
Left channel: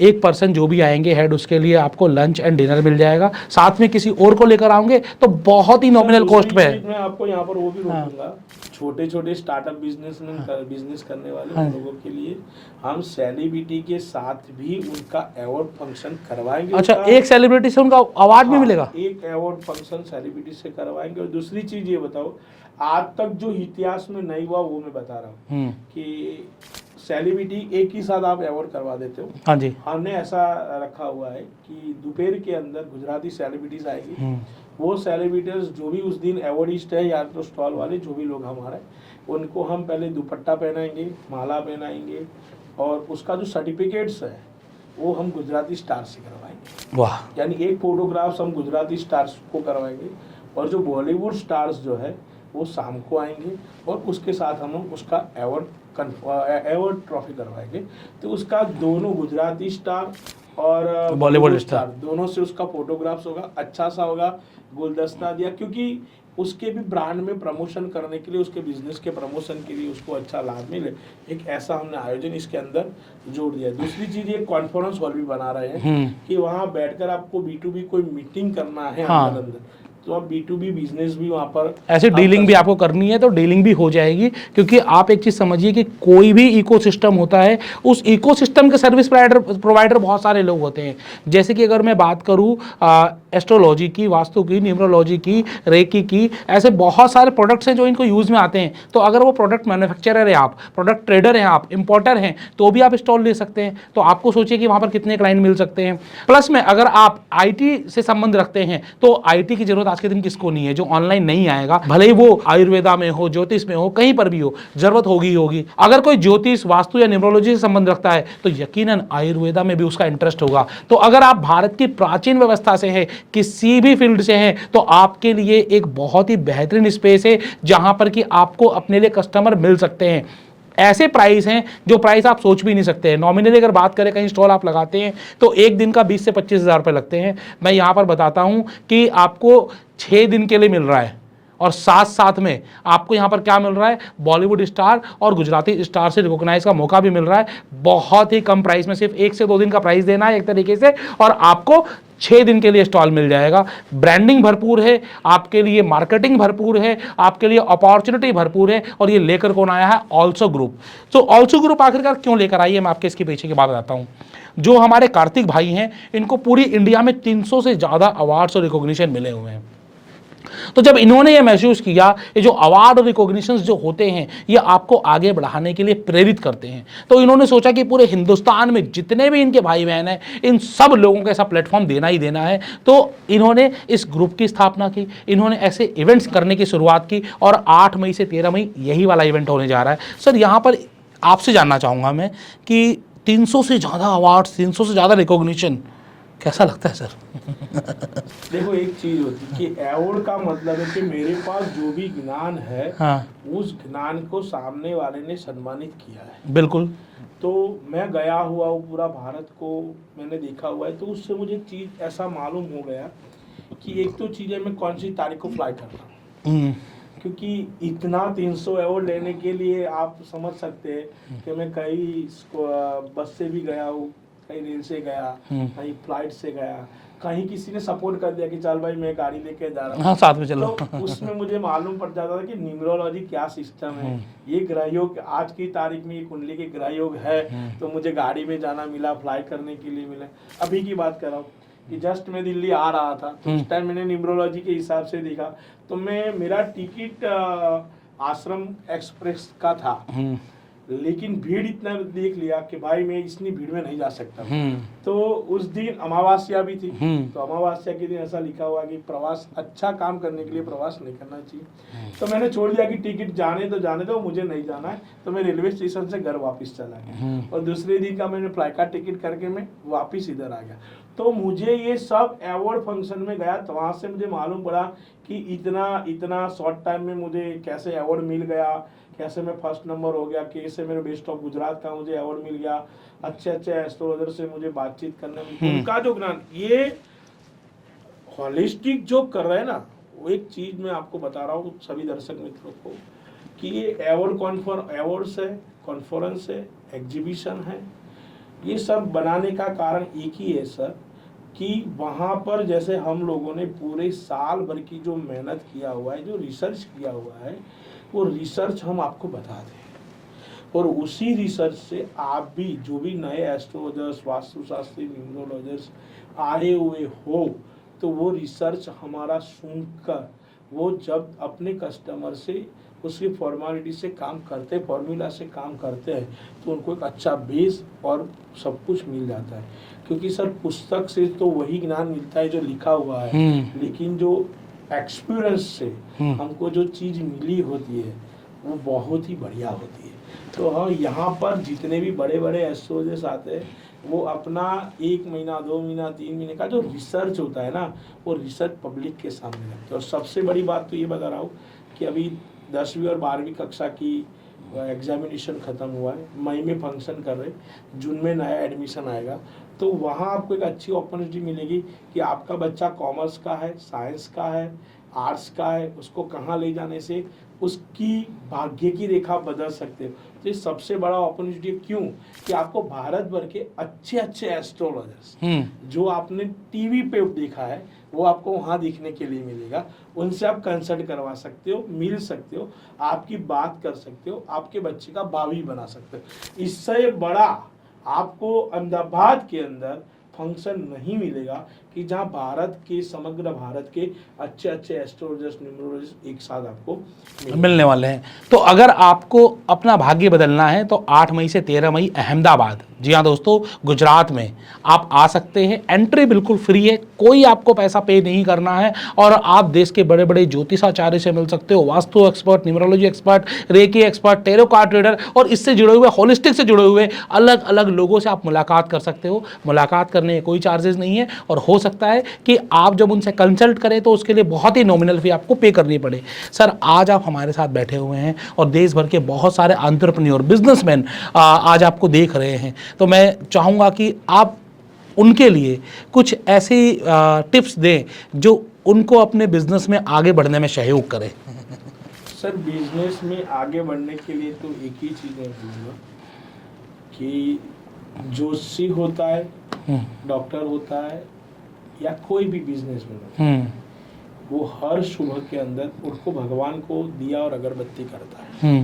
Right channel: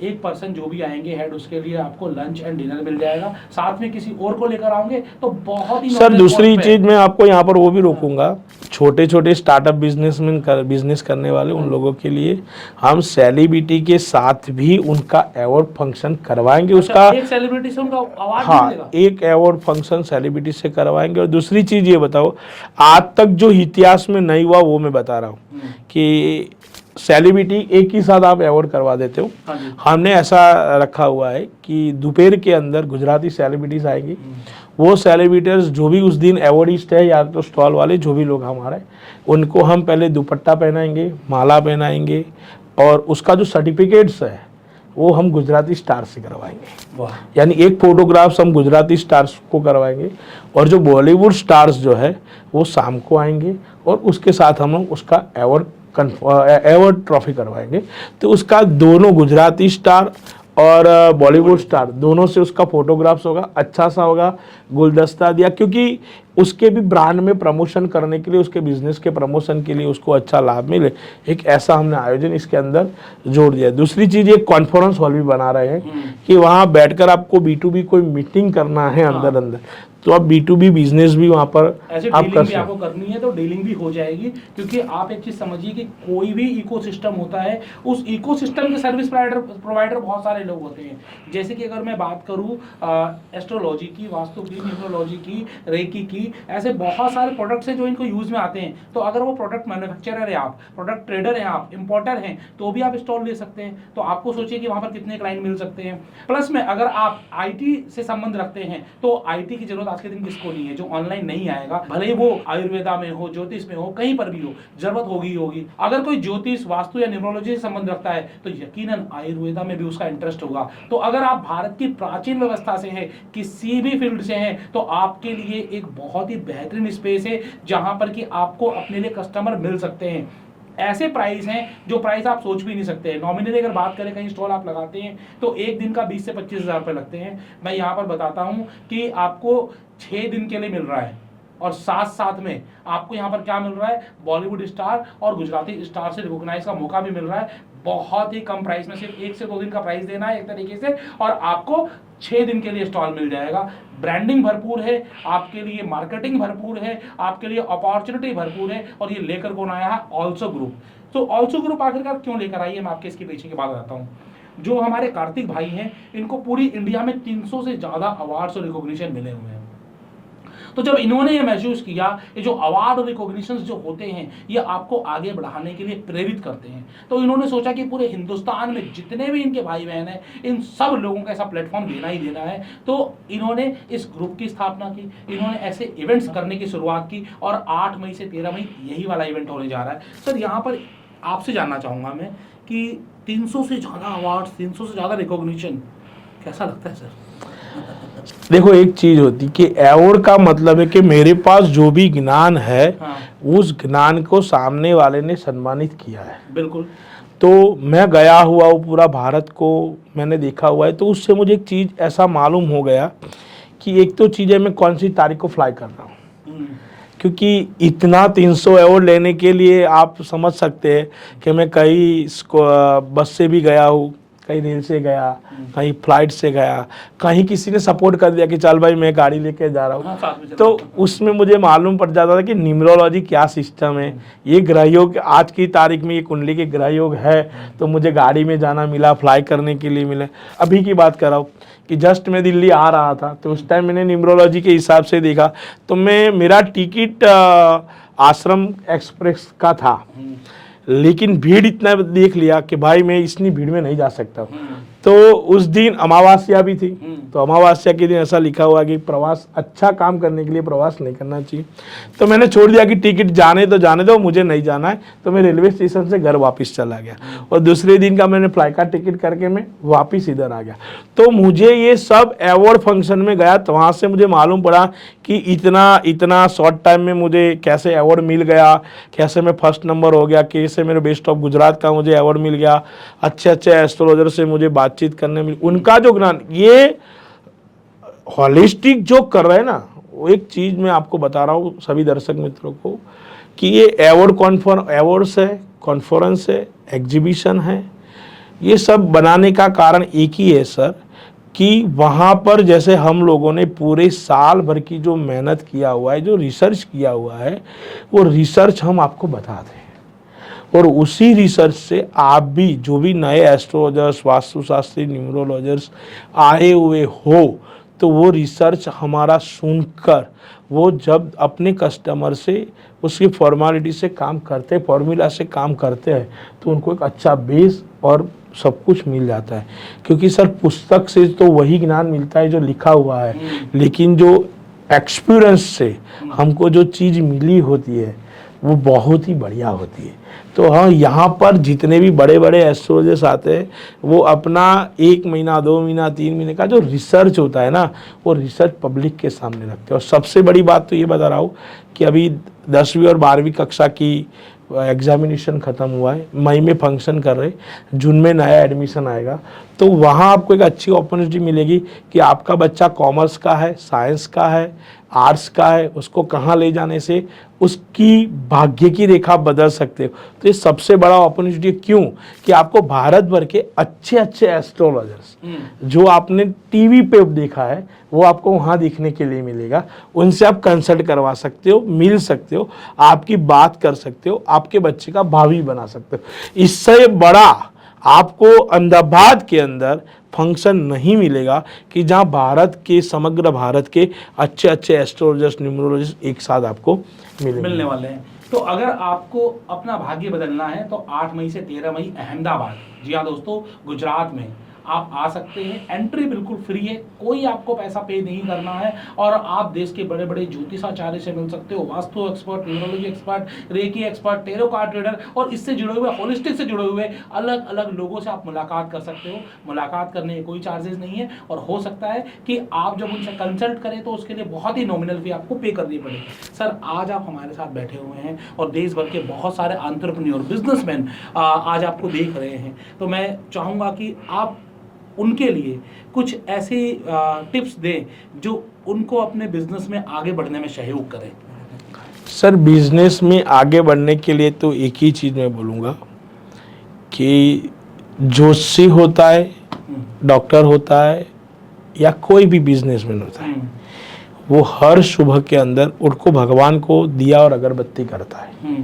एक पर्सन जो भी आएंगे हेड, उसके लिए आपको लंच एंड डिनर मिल जाएगा। साथ में किसी और को लेकर आओगे तो बहुत ही नॉमिनल। दूसरी चीज मैं आपको यहाँ पर वो भी रोकूंगा, छोटे छोटे स्टार्टअप बिजनेस करने वाले उन लोगों के लिए हम सेलिब्रिटी के साथ भी उनका अवार्ड फंक्शन करवाएंगे। अच्छा, उसका एक सेलिब्रिटी से उनका अवार्ड भी मिलेगा? एक अवार्ड फंक्शन सेलिब्रिटी से करवाएंगे। और दूसरी चीज ये बताओ, आज तक जो इतिहास में नहीं हुआ वो मैं बता रहा हूँ कि सेलिब्रिटी एक ही साथ आप अवार्ड करवा देते हो। हाँ जी। हमने ऐसा रखा हुआ है कि दोपहर के अंदर गुजराती सेलिब्रिटीज आएगी। वो सेलिब्रिटीज जो भी उस दिन अवार्डिस्ट है या तो स्टॉल वाले जो भी लोग हमारे, उनको हम पहले दुपट्टा पहनाएंगे, माला पहनाएंगे, और उसका जो सर्टिफिकेट्स है वो हम गुजराती स्टार से करवाएंगे। वाह। यानी एक फोटोग्राफ्स हम गुजराती स्टार्स को करवाएंगे, और जो बॉलीवुड स्टार्स जो है वो शाम को आएंगे, और उसके साथ हम उसका अवार्ड ट्रॉफी करवाएंगे। तो उसका दोनों गुजराती स्टार और बॉलीवुड स्टार दोनों से उसका फोटोग्राफ्स होगा, अच्छा सा होगा, गुलदस्ता दिया, क्योंकि उसके भी ब्रांड में प्रमोशन करने के लिए, उसके बिजनेस के प्रमोशन के लिए उसको अच्छा लाभ मिले, एक ऐसा हमने आयोजन इसके अंदर जोड़ दिया। दूसरी चीज, एक कॉन्फ्रेंस हॉल भी बना रहे हैं कि वहाँ बैठकर आपको B2B कोई मीटिंग करना है अंदर तो आप B2B बिजनेस भी वहाँ पर ऐसे डीलिंग भी आपको करनी है तो डीलिंग भी हो जाएगी। क्योंकि आप एक चीज समझिए कि कोई भी इकोसिस्टम होता है, उस इकोसिस्टम के सर्विस प्रोवाइडर बहुत सारे लोग होते हैं। जैसे कि अगर मैं बात करूँ एस्ट्रोलॉजी की, वास्तु की, न्यूमरोलॉजी की, रेकी की, ऐसे बहुत सारे प्रोडक्ट्स हैं जो इनको यूज में आते हैं। तो अगर वो प्रोडक्ट मैन्युफैक्चरर है आप, प्रोडक्ट ट्रेडर हैं आप, इंपोर्टर हैं, तो भी आप स्टॉल ले सकते हैं। तो आपको सोचिए कि वहाँ पर कितने क्लाइंट मिल सकते हैं। प्लस में अगर आप IT से संबंध रखते हैं तो IT की जरूरत आज के दिन किसको नहीं है जो ऑनलाइन नहीं आएगा। भले ही वो आयुर्वेदा में हो, ज्योतिष में हो, कहीं पर भी हो, जरूरत होगी। अगर कोई ज्योतिष, वास्तु या न्यूमरोलॉजी से संबंध रखता है तो यकीनन आयुर्वेदा में भी उसका इंटरेस्ट होगा। तो अगर आप भारत की प्राचीन व्यवस्था से हैं, किसी भी फील्ड से हैं, तो आपके लिए एक बहुत ही बेहतरीन स्पेस है जहां पर कि आपको अपने लिए कस्टमर मिल सकते हैं। ऐसे प्राइस हैं जो प्राइस आप सोच भी नहीं सकते हैं। नॉमिनली अगर बात करें, कहीं स्टॉल आप लगाते हैं तो एक दिन का 20 से 25 हज़ार रुपये लगते हैं। मैं यहाँ पर बताता हूँ कि आपको 6 दिन के लिए मिल रहा है, और साथ में आपको यहाँ पर क्या मिल रहा है, बॉलीवुड स्टार और गुजराती स्टार से रिकॉग्नाइज का मौका भी मिल रहा है। बहुत ही कम प्राइस में, सिर्फ 1 से 2 दिन का प्राइस देना है एक तरीके से, और आपको 6 दिन के लिए स्टॉल मिल जाएगा। ब्रांडिंग भरपूर है आपके लिए, मार्केटिंग भरपूर है आपके लिए, अपॉर्चुनिटी भरपूर है। और ये लेकर कौन आया है? Also group. तो ऑल्सो ग्रुप आखिरकार क्यों लेकर आई है, मैं आपके इसके पीछे की बात बताता हूँ। जो हमारे कार्तिक भाई हैं, इनको पूरी इंडिया में 300 से ज़्यादा अवार्ड्स और रिकॉग्निशन मिले हुए हैं। तो जब इन्होंने ये महसूस किया, ये जो अवार्ड और रिकॉग्निशंस जो होते हैं ये आपको आगे बढ़ाने के लिए प्रेरित करते हैं, तो इन्होंने सोचा कि पूरे हिंदुस्तान में जितने भी इनके भाई बहन हैं इन सब लोगों को ऐसा प्लेटफॉर्म देना ही देना है। तो इन्होंने इस ग्रुप की स्थापना की, इन्होंने ऐसे इवेंट्स करने की शुरुआत की और 8 मई से 13 मई यही वाला इवेंट होने जा रहा है। सर यहाँ पर आपसे जानना चाहूँगा मैं कि 300 से ज़्यादा अवार्ड्स, 300 से ज़्यादा रिकॉग्निशन, कैसा लगता है सर? देखो, एक चीज होती कि अवार्ड का मतलब है कि मेरे पास जो भी ज्ञान है, हाँ। उस ज्ञान को सामने वाले ने सम्मानित किया है। बिल्कुल। तो मैं गया हुआ वो पूरा भारत को मैंने देखा हुआ है, तो उससे मुझे एक चीज ऐसा मालूम हो गया कि एक तो चीज़ है मैं कौन सी तारीख को फ्लाई कर रहा हूँ, क्योंकि इतना 300 अवार्ड लेने के लिए आप समझ सकते हैं कि मैं कई बस से भी गया हूँ, कहीं रेल से गया, कहीं फ्लाइट से गया, कहीं किसी ने सपोर्ट कर दिया कि चल भाई मैं गाड़ी लेके जा रहा हूँ, हाँ, साथ में चलो। तो उसमें मुझे मालूम पड़ जाता था कि न्यूमरोलॉजी क्या सिस्टम है, ये ग्रहयोग आज की तारीख में ये कुंडली के ग्रहयोग है, तो मुझे गाड़ी में जाना मिला, फ्लाई करने के लिए मिले। अभी की बात कर रहा हूँ कि जस्ट मैं दिल्ली आ रहा था, तो उस टाइम मैंने न्यूमरोलॉजी के हिसाब से देखा, तो मेरा टिकट आश्रम एक्सप्रेस का था, लेकिन भीड़ इतना देख लिया कि भाई मैं इतनी भीड़ में नहीं जा सकता। तो उस दिन अमावस्या भी थी, तो अमावस्या के दिन ऐसा लिखा हुआ कि प्रवास, अच्छा काम करने के लिए प्रवास नहीं करना चाहिए। तो मैंने छोड़ दिया कि टिकट जाने दो, मुझे नहीं जाना है। तो मैं रेलवे स्टेशन से घर वापस चला गया और दूसरे दिन का मैंने फ्लाइट का टिकट करके मैं वापस इधर आ गया। तो मुझे ये सब अवार्ड फंक्शन में गया, तो वहाँ से मुझे मालूम पड़ा कि इतना शॉर्ट टाइम में मुझे कैसे अवार्ड मिल गया, कैसे मैं फर्स्ट नंबर हो गया, कैसे मेरे बेस्ट ऑफ गुजरात का मुझे अवार्ड मिल गया, अच्छे एस्ट्रोलॉजर से मुझे बातचीत करने में उनका जो ज्ञान, ये होलिस्टिक जो कर रहे हैं ना, वो एक चीज मैं आपको बता रहा हूँ सभी दर्शक मित्रों को कि ये अवार्ड्स है, कॉन्फ्रेंस है, एग्जीबिशन है, ये सब बनाने का कारण एक ही है सर, कि वहाँ पर जैसे हम लोगों ने पूरे साल भर की जो मेहनत किया हुआ है, जो रिसर्च किया हुआ है, वो रिसर्च हम आपको बता दें, और उसी रिसर्च से आप भी जो भी नए एस्ट्रोलॉजर्स, वास्तुशास्त्री, न्यूमरोलॉजर्स आए हुए हो, तो वो रिसर्च हमारा सुनकर वो जब अपने कस्टमर से उसकी फॉर्मेलिटी से काम करते, फॉर्मूला से काम करते हैं, तो उनको एक अच्छा बेस और सब कुछ मिल जाता है। क्योंकि सर पुस्तक से तो वही ज्ञान मिलता है जो लिखा हुआ है, लेकिन जो एक्सपीरियंस से हमको जो चीज़ मिली होती है वो बहुत ही बढ़िया होती है। तो हाँ, यहाँ पर जितने भी बड़े बड़े एस्ट्रोलॉजर्स आते हैं, वो अपना 1 महीना, 2 महीना, 3 महीने का जो रिसर्च होता है ना, वो रिसर्च पब्लिक के सामने रखते हैं। और सबसे बड़ी बात तो ये बता रहा हूँ कि अभी 10वीं और 12वीं कक्षा की एग्जामिनेशन ख़त्म हुआ है, मई में फंक्शन कर रहे, जून में नया एडमिशन आएगा, तो वहाँ आपको एक अच्छी अपॉर्चुनिटी मिलेगी कि आपका बच्चा कॉमर्स का है, साइंस का है, आर्ट्स का है, उसको कहाँ ले जाने से उसकी भाग्य की रेखा बदल सकते हो। तो ये सबसे बड़ा अपॉर्चुनिटी क्यों कि आपको भारत भर के अच्छे अच्छे एस्ट्रोलॉजर्स जो आपने टीवी पे देखा है, वो आपको वहाँ दिखने के लिए मिलेगा। उनसे आप कंसल्ट करवा सकते हो, मिल सकते हो, आपकी बात कर सकते हो, आपके बच्चे का भावी बना सकते हो। इससे बड़ा आपको अहमदाबाद के अंदर फंक्शन नहीं मिलेगा कि जहां भारत के, समग्र भारत के अच्छे अच्छे एस्ट्रोलॉजर्स, न्यूमरोलॉजिस्ट एक साथ आपको मिलने वाले हैं। तो अगर आपको अपना भाग्य बदलना है तो 8 मई से 13 मई अहमदाबाद, जी हाँ दोस्तों, गुजरात में आप आ सकते हैं। एंट्री बिल्कुल फ्री है, कोई आपको पैसा पे नहीं करना है, और आप देश के बड़े बड़े ज्योतिषाचार्य से मिल सकते हो, vastu expert, numerology expert, reiki expert, tarot card reader और इससे जुड़े हुए, होलिस्टिक से जुड़े हुए अलग अलग लोगों से आप मुलाकात कर सकते हो। मुलाकात करने के कोई चार्जेस नहीं है, और हो सकता है कि आप जब उनसे कंसल्ट करें तो उसके लिए बहुत ही नॉमिनल फी आपको पे करनी पड़े। सर, आज आप हमारे साथ बैठे हुए हैं और देश भर के बहुत सारे एंटरप्रेन्योर, बिजनेसमैन आज आपको देख रहे हैं, तो मैं चाहूँगा कि आप उनके लिए कुछ ऐसी टिप्स दें जो उनको अपने बिजनेस में आगे बढ़ने में सहयोग करे। सर, बिजनेस में आगे बढ़ने के लिए तो एक ही चीज़ मैं बोलूँगा कि ज्योतिषी होता है, डॉक्टर होता है, या कोई भी बिजनेसमैन होता है, वो हर सुबह के अंदर उनको भगवान को दिया और अगरबत्ती करता है।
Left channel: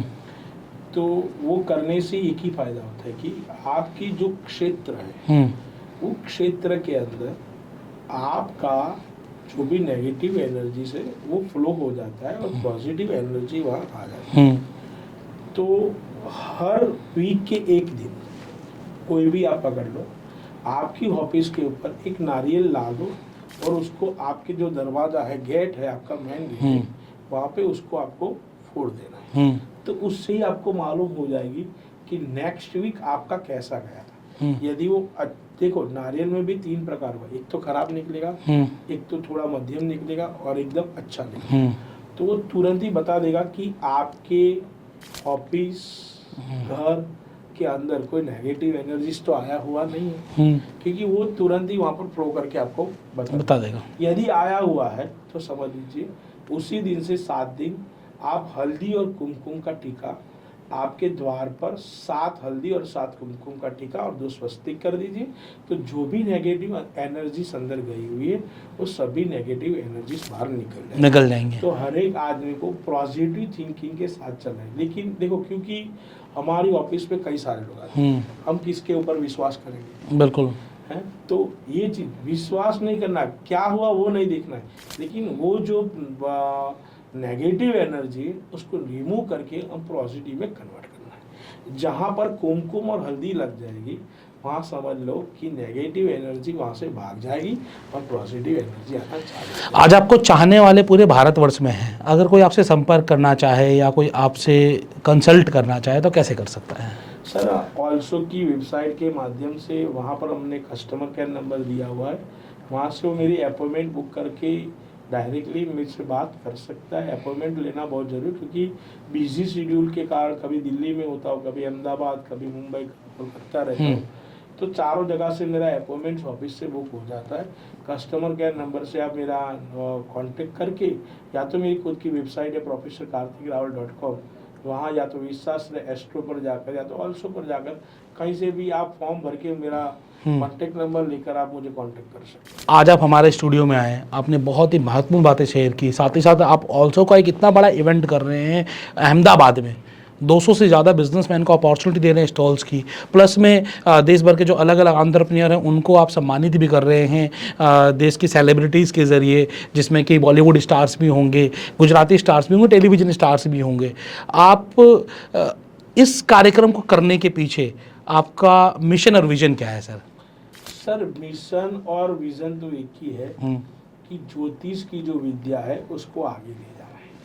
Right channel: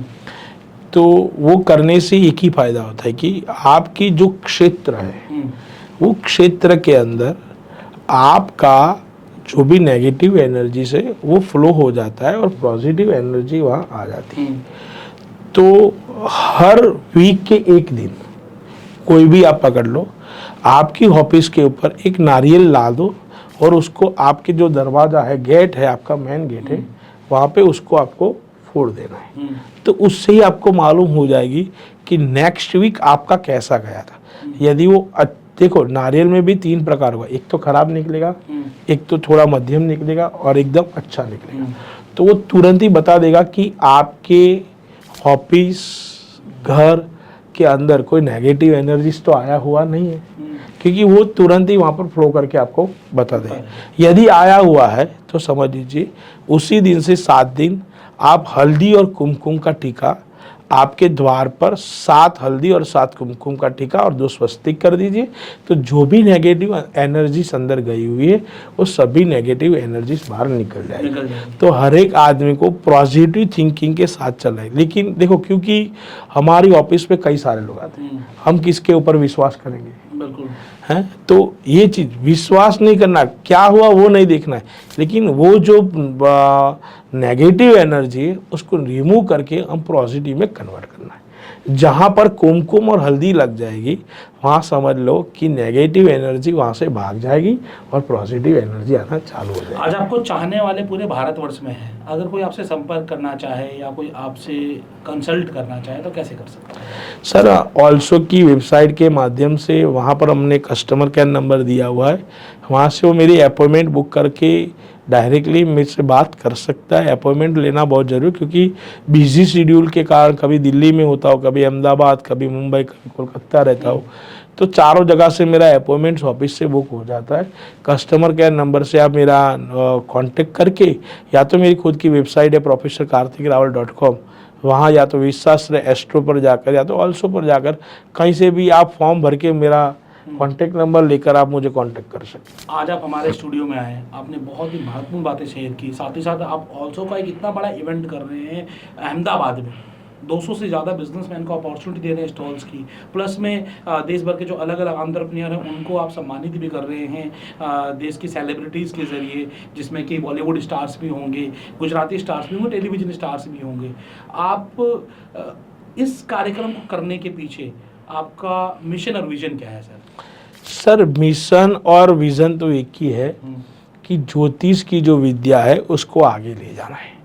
तो वो करने से एक ही फायदा होता है कि आपकी जो क्षेत्र है, वो क्षेत्र के अंदर आपका जो भी नेगेटिव एनर्जी से वो फ्लो हो जाता है और पॉजिटिव एनर्जी वहाँ आ जाती है। तो हर वीक के एक दिन कोई भी आप पकड़ लो, आपकी ऑफिस के ऊपर एक नारियल ला दो और उसको आपके जो दरवाज़ा है, गेट है, आपका मेन गेट है, वहाँ पे उसको आपको फोड़ देना है। तो उससे ही आपको मालूम हो जाएगी कि नेक्स्ट वीक आपका कैसा गया था। यदि वो देखो, नारियल में भी 3 प्रकार हुआ, एक तो खराब निकलेगा, एक तो थोड़ा मध्यम निकलेगा और एकदम अच्छा निकलेगा। तो वो तुरंत ही बता देगा कि आपके ऑफिस, घर के अंदर कोई नेगेटिव एनर्जीज तो आया हुआ नहीं है, क्योंकि वो तुरंत ही वहाँ पर फ्लो करके आपको बता देगा। यदि आया हुआ है तो समझ लीजिए उसी दिन से 7 दिन आप हल्दी और कुमकुम का टीका आपके द्वार पर 7 हल्दी और 7 कुमकुम का टीका और 2 स्वस्तिक कर दीजिए। तो जो भी नेगेटिव एनर्जीज अंदर गई हुई है वो सभी नेगेटिव एनर्जीज बाहर निकल जाएंगे। तो हर एक आदमी को पॉजिटिव थिंकिंग के साथ चलना है। लेकिन देखो, क्योंकि हमारी ऑफिस में कई सारे लोग आते हैं, हम किसके ऊपर विश्वास करेंगे? बिल्कुल है। तो ये चीज विश्वास नहीं करना, क्या हुआ वो नहीं देखना है, लेकिन वो जो नेगेटिव एनर्जी है उसको रिमूव करके हम पॉजिटिव में कन्वर्ट करना है। जहाँ पर कुमकुम और हल्दी लग जाएगी वहाँ समझ लो कि नेगेटिव एनर्जी वहाँ से भाग जाएगी और पॉजिटिव एनर्जी आना चालू हो जाएगी। आज आपको चाहने वाले पूरे भारतवर्ष में हैं, अगर कोई आपसे संपर्क करना चाहे या कोई आपसे कंसल्ट करना चाहे तो कैसे कर सकता है? सर, ऑल्सो की वेबसाइट के माध्यम से वहाँ पर हमने कस्टमर केयर नंबर दिया हुआ है, वहाँ से वो मेरी अपॉइंटमेंट बुक करके डायरेक्टली मुझसे बात कर सकता है। अपॉइंटमेंट लेना बहुत जरूरी, क्योंकि बिजी शेड्यूल के कारण कभी दिल्ली में होता हो, कभी अहमदाबाद, कभी मुंबई, कभी कोलकाता रहता हो, तो चारों जगह से मेरा अपॉइंटमेंट ऑफिस से बुक हो जाता है। कस्टमर केयर नंबर से आप मेरा कांटेक्ट करके या तो मेरी खुद की वेबसाइट है professorkarthikrawal.com, वहाँ या तो विश्वाश्रय एस्ट्रो पर जाकर या तो ऑल्सो पर जाकर कहीं से भी आप फॉर्म भर के मेरा कॉन्टेक्ट नंबर लेकर आप मुझे कांटेक्ट कर सकते हैं। आज आप हमारे स्टूडियो में आए, आपने बहुत ही महत्वपूर्ण बातें शेयर की, साथ ही साथ आप ऑल्सो का एक इतना बड़ा इवेंट कर रहे हैं अहमदाबाद में, 200 से ज़्यादा बिजनेसमैन को अपॉर्चुनिटी दे रहे हैं स्टॉल्स की, प्लस में देश भर के जो अलग अलग एंटरप्रेन्योर हैं उनको आप सम्मानित भी कर रहे हैं देश की सेलिब्रिटीज़ के ज़रिए, जिसमें कि बॉलीवुड स्टार्स भी होंगे, गुजराती स्टार्स भी होंगे, टेलीविज़न स्टार्स भी होंगे। आप इस कार्यक्रम को करने के पीछे आपका मिशन और विजन क्या है सर? सर, मिशन और विजन तो एक ही है कि ज्योतिष की जो विद्या है उसको आगे ले जाना है।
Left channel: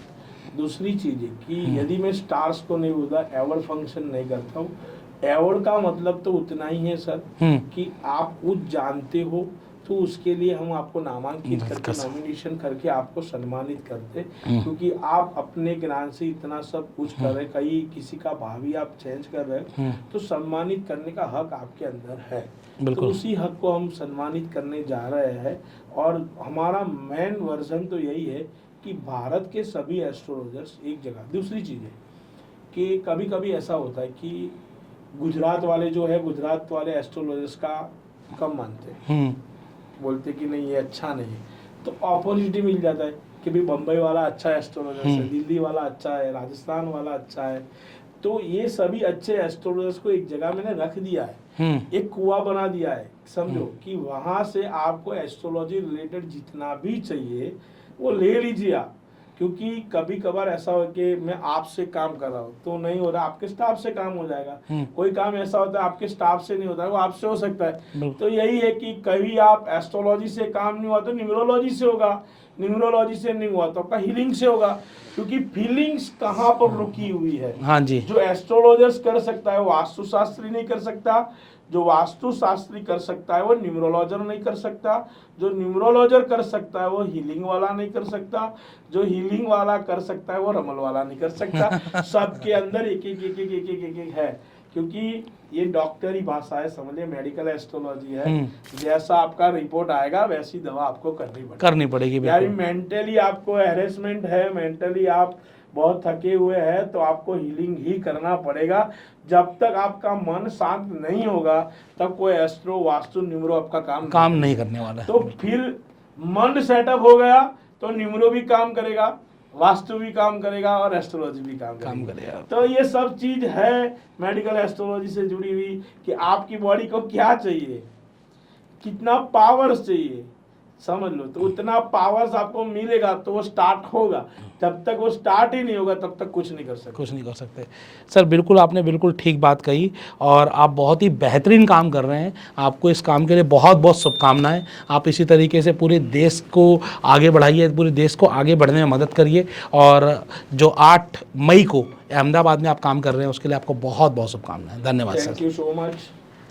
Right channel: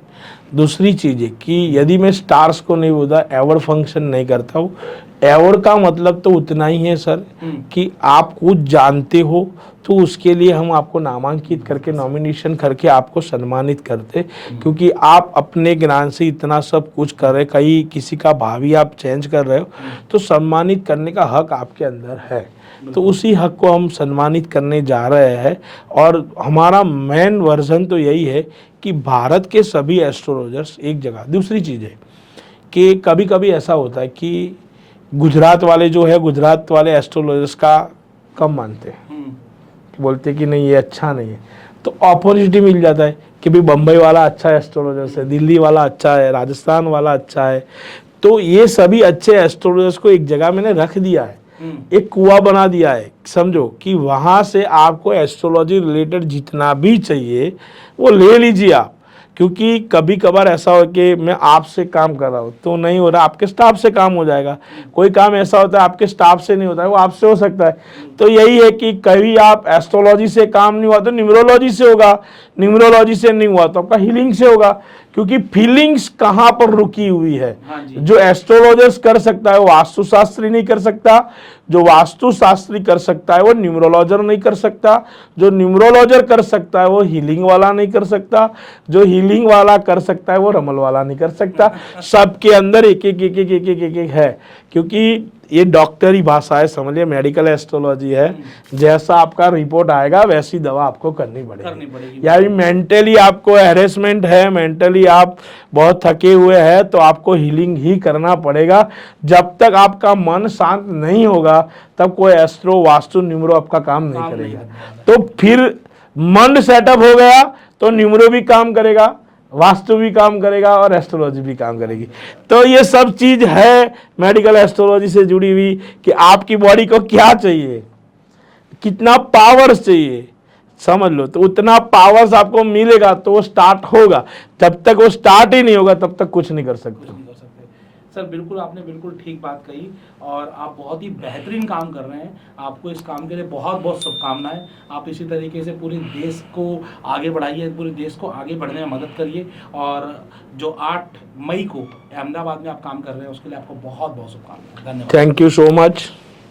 दूसरी चीज़ है कि यदि मैं स्टार्स को नहीं बोलता, एवॉर्ड फंक्शन नहीं करता हूँ, एवॉर्ड का मतलब तो उतना ही है सर कि आप कुछ जानते हो तो उसके लिए हम आपको नामांकित करके, नॉमिनेशन करके आपको सम्मानित करते, क्योंकि आप अपने ज्ञान से इतना सब कुछ कर रहे, कहीं किसी का भावी आप चेंज कर रहे हो, तो सम्मानित करने का हक आपके अंदर है। तो उसी हक को हम सम्मानित करने जा रहे हैं और हमारा मेन वर्जन तो यही है कि भारत के सभी एस्ट्रोलॉजर्स एक जगह। दूसरी चीज़ है कि कभी कभी ऐसा होता है कि गुजरात वाले जो है, गुजरात वाले एस्ट्रोलॉजर्स का कम मानते हैं, बोलते कि नहीं ये अच्छा नहीं है, तो अपॉर्चुनिटी मिल जाता है कि भाई बम्बई वाला अच्छा एस्ट्रोलॉजर्स है, दिल्ली वाला अच्छा है, राजस्थान वाला अच्छा है। तो ये सभी अच्छे एस्ट्रोलॉजर्स को एक जगह मैंने रख दिया है, एक कुआं बना दिया है, समझो कि वहां से आपको एस्ट्रोलॉजी रिलेटेड जितना भी चाहिए वो ले लीजिए आप। क्योंकि कभी कभार ऐसा हो कि मैं आपसे काम कर रहा हूँ तो नहीं हो रहा, आपके स्टाफ से काम हो जाएगा। कोई काम ऐसा होता है आपके स्टाफ से नहीं होता है, वो आपसे हो सकता है। तो यही है कि कभी आप एस्ट्रोलॉजी से काम नहीं हुआ तो न्यूमरोलॉजी से होगा, न्यूमरोलॉजी से नहीं हुआ तो आपका हीलिंग से होगा, क्योंकि फीलिंग्स कहाँ पर रुकी हुई है। हाँ जी। जो एस्ट्रोलॉजर्स कर सकता है वो वास्तुशास्त्री नहीं कर सकता, जो वास्तुशास्त्री कर सकता है वो न्यूमरोलॉजर नहीं कर सकता, जो न्यूमरोलॉजर कर सकता है वो हीलिंग वाला नहीं कर सकता, जो हीलिंग वाला कर सकता है वो रमल वाला नहीं कर सकता। सबके अंदर एक एक एक एक एक एक एक एक है, क्योंकि ये डॉक्टरी भाषा है, समझिए मेडिकल एस्ट्रोलॉजी है। जैसा आपका रिपोर्ट आएगा वैसी दवा आपको करनी पड़ेगी। यानी मेंटली आपको हैरेसमेंट है, मेंटली आप बहुत थके हुए हैं तो आपको हीलिंग ही करना पड़ेगा। जब तक आपका मन शांत नहीं होगा तब कोई एस्ट्रो, वास्तु, न्यूमरो आपका काम नहीं करने वाला। तो फिर मन सेटअप हो गया तो न्यूमरो भी काम करेगा, वास्तु भी काम करेगा और एस्ट्रोलॉजी भी काम करेगी। तो ये सब चीज है मेडिकल एस्ट्रोलॉजी से जुड़ी हुई कि आपकी बॉडी को क्या चाहिए, कितना पावर चाहिए, समझ लो। तो उतना पावर्स आपको मिलेगा तो वो स्टार्ट होगा, जब तक वो स्टार्ट ही नहीं होगा तब तक कुछ नहीं कर सकते। कुछ नहीं कर सकते। सर बिल्कुल, आपने बिल्कुल ठीक बात कही और आप बहुत ही बेहतरीन काम कर रहे हैं। आपको इस काम के लिए बहुत बहुत शुभकामनाएं। आप इसी तरीके से पूरे देश को आगे बढ़ाइए, पूरे देश को आगे बढ़ने में मदद करिए। और जो 8 मई को अहमदाबाद में आप काम कर रहे हैं उसके लिए आपको बहुत बहुत शुभकामनाएं। धन्यवाद। Thank you so much.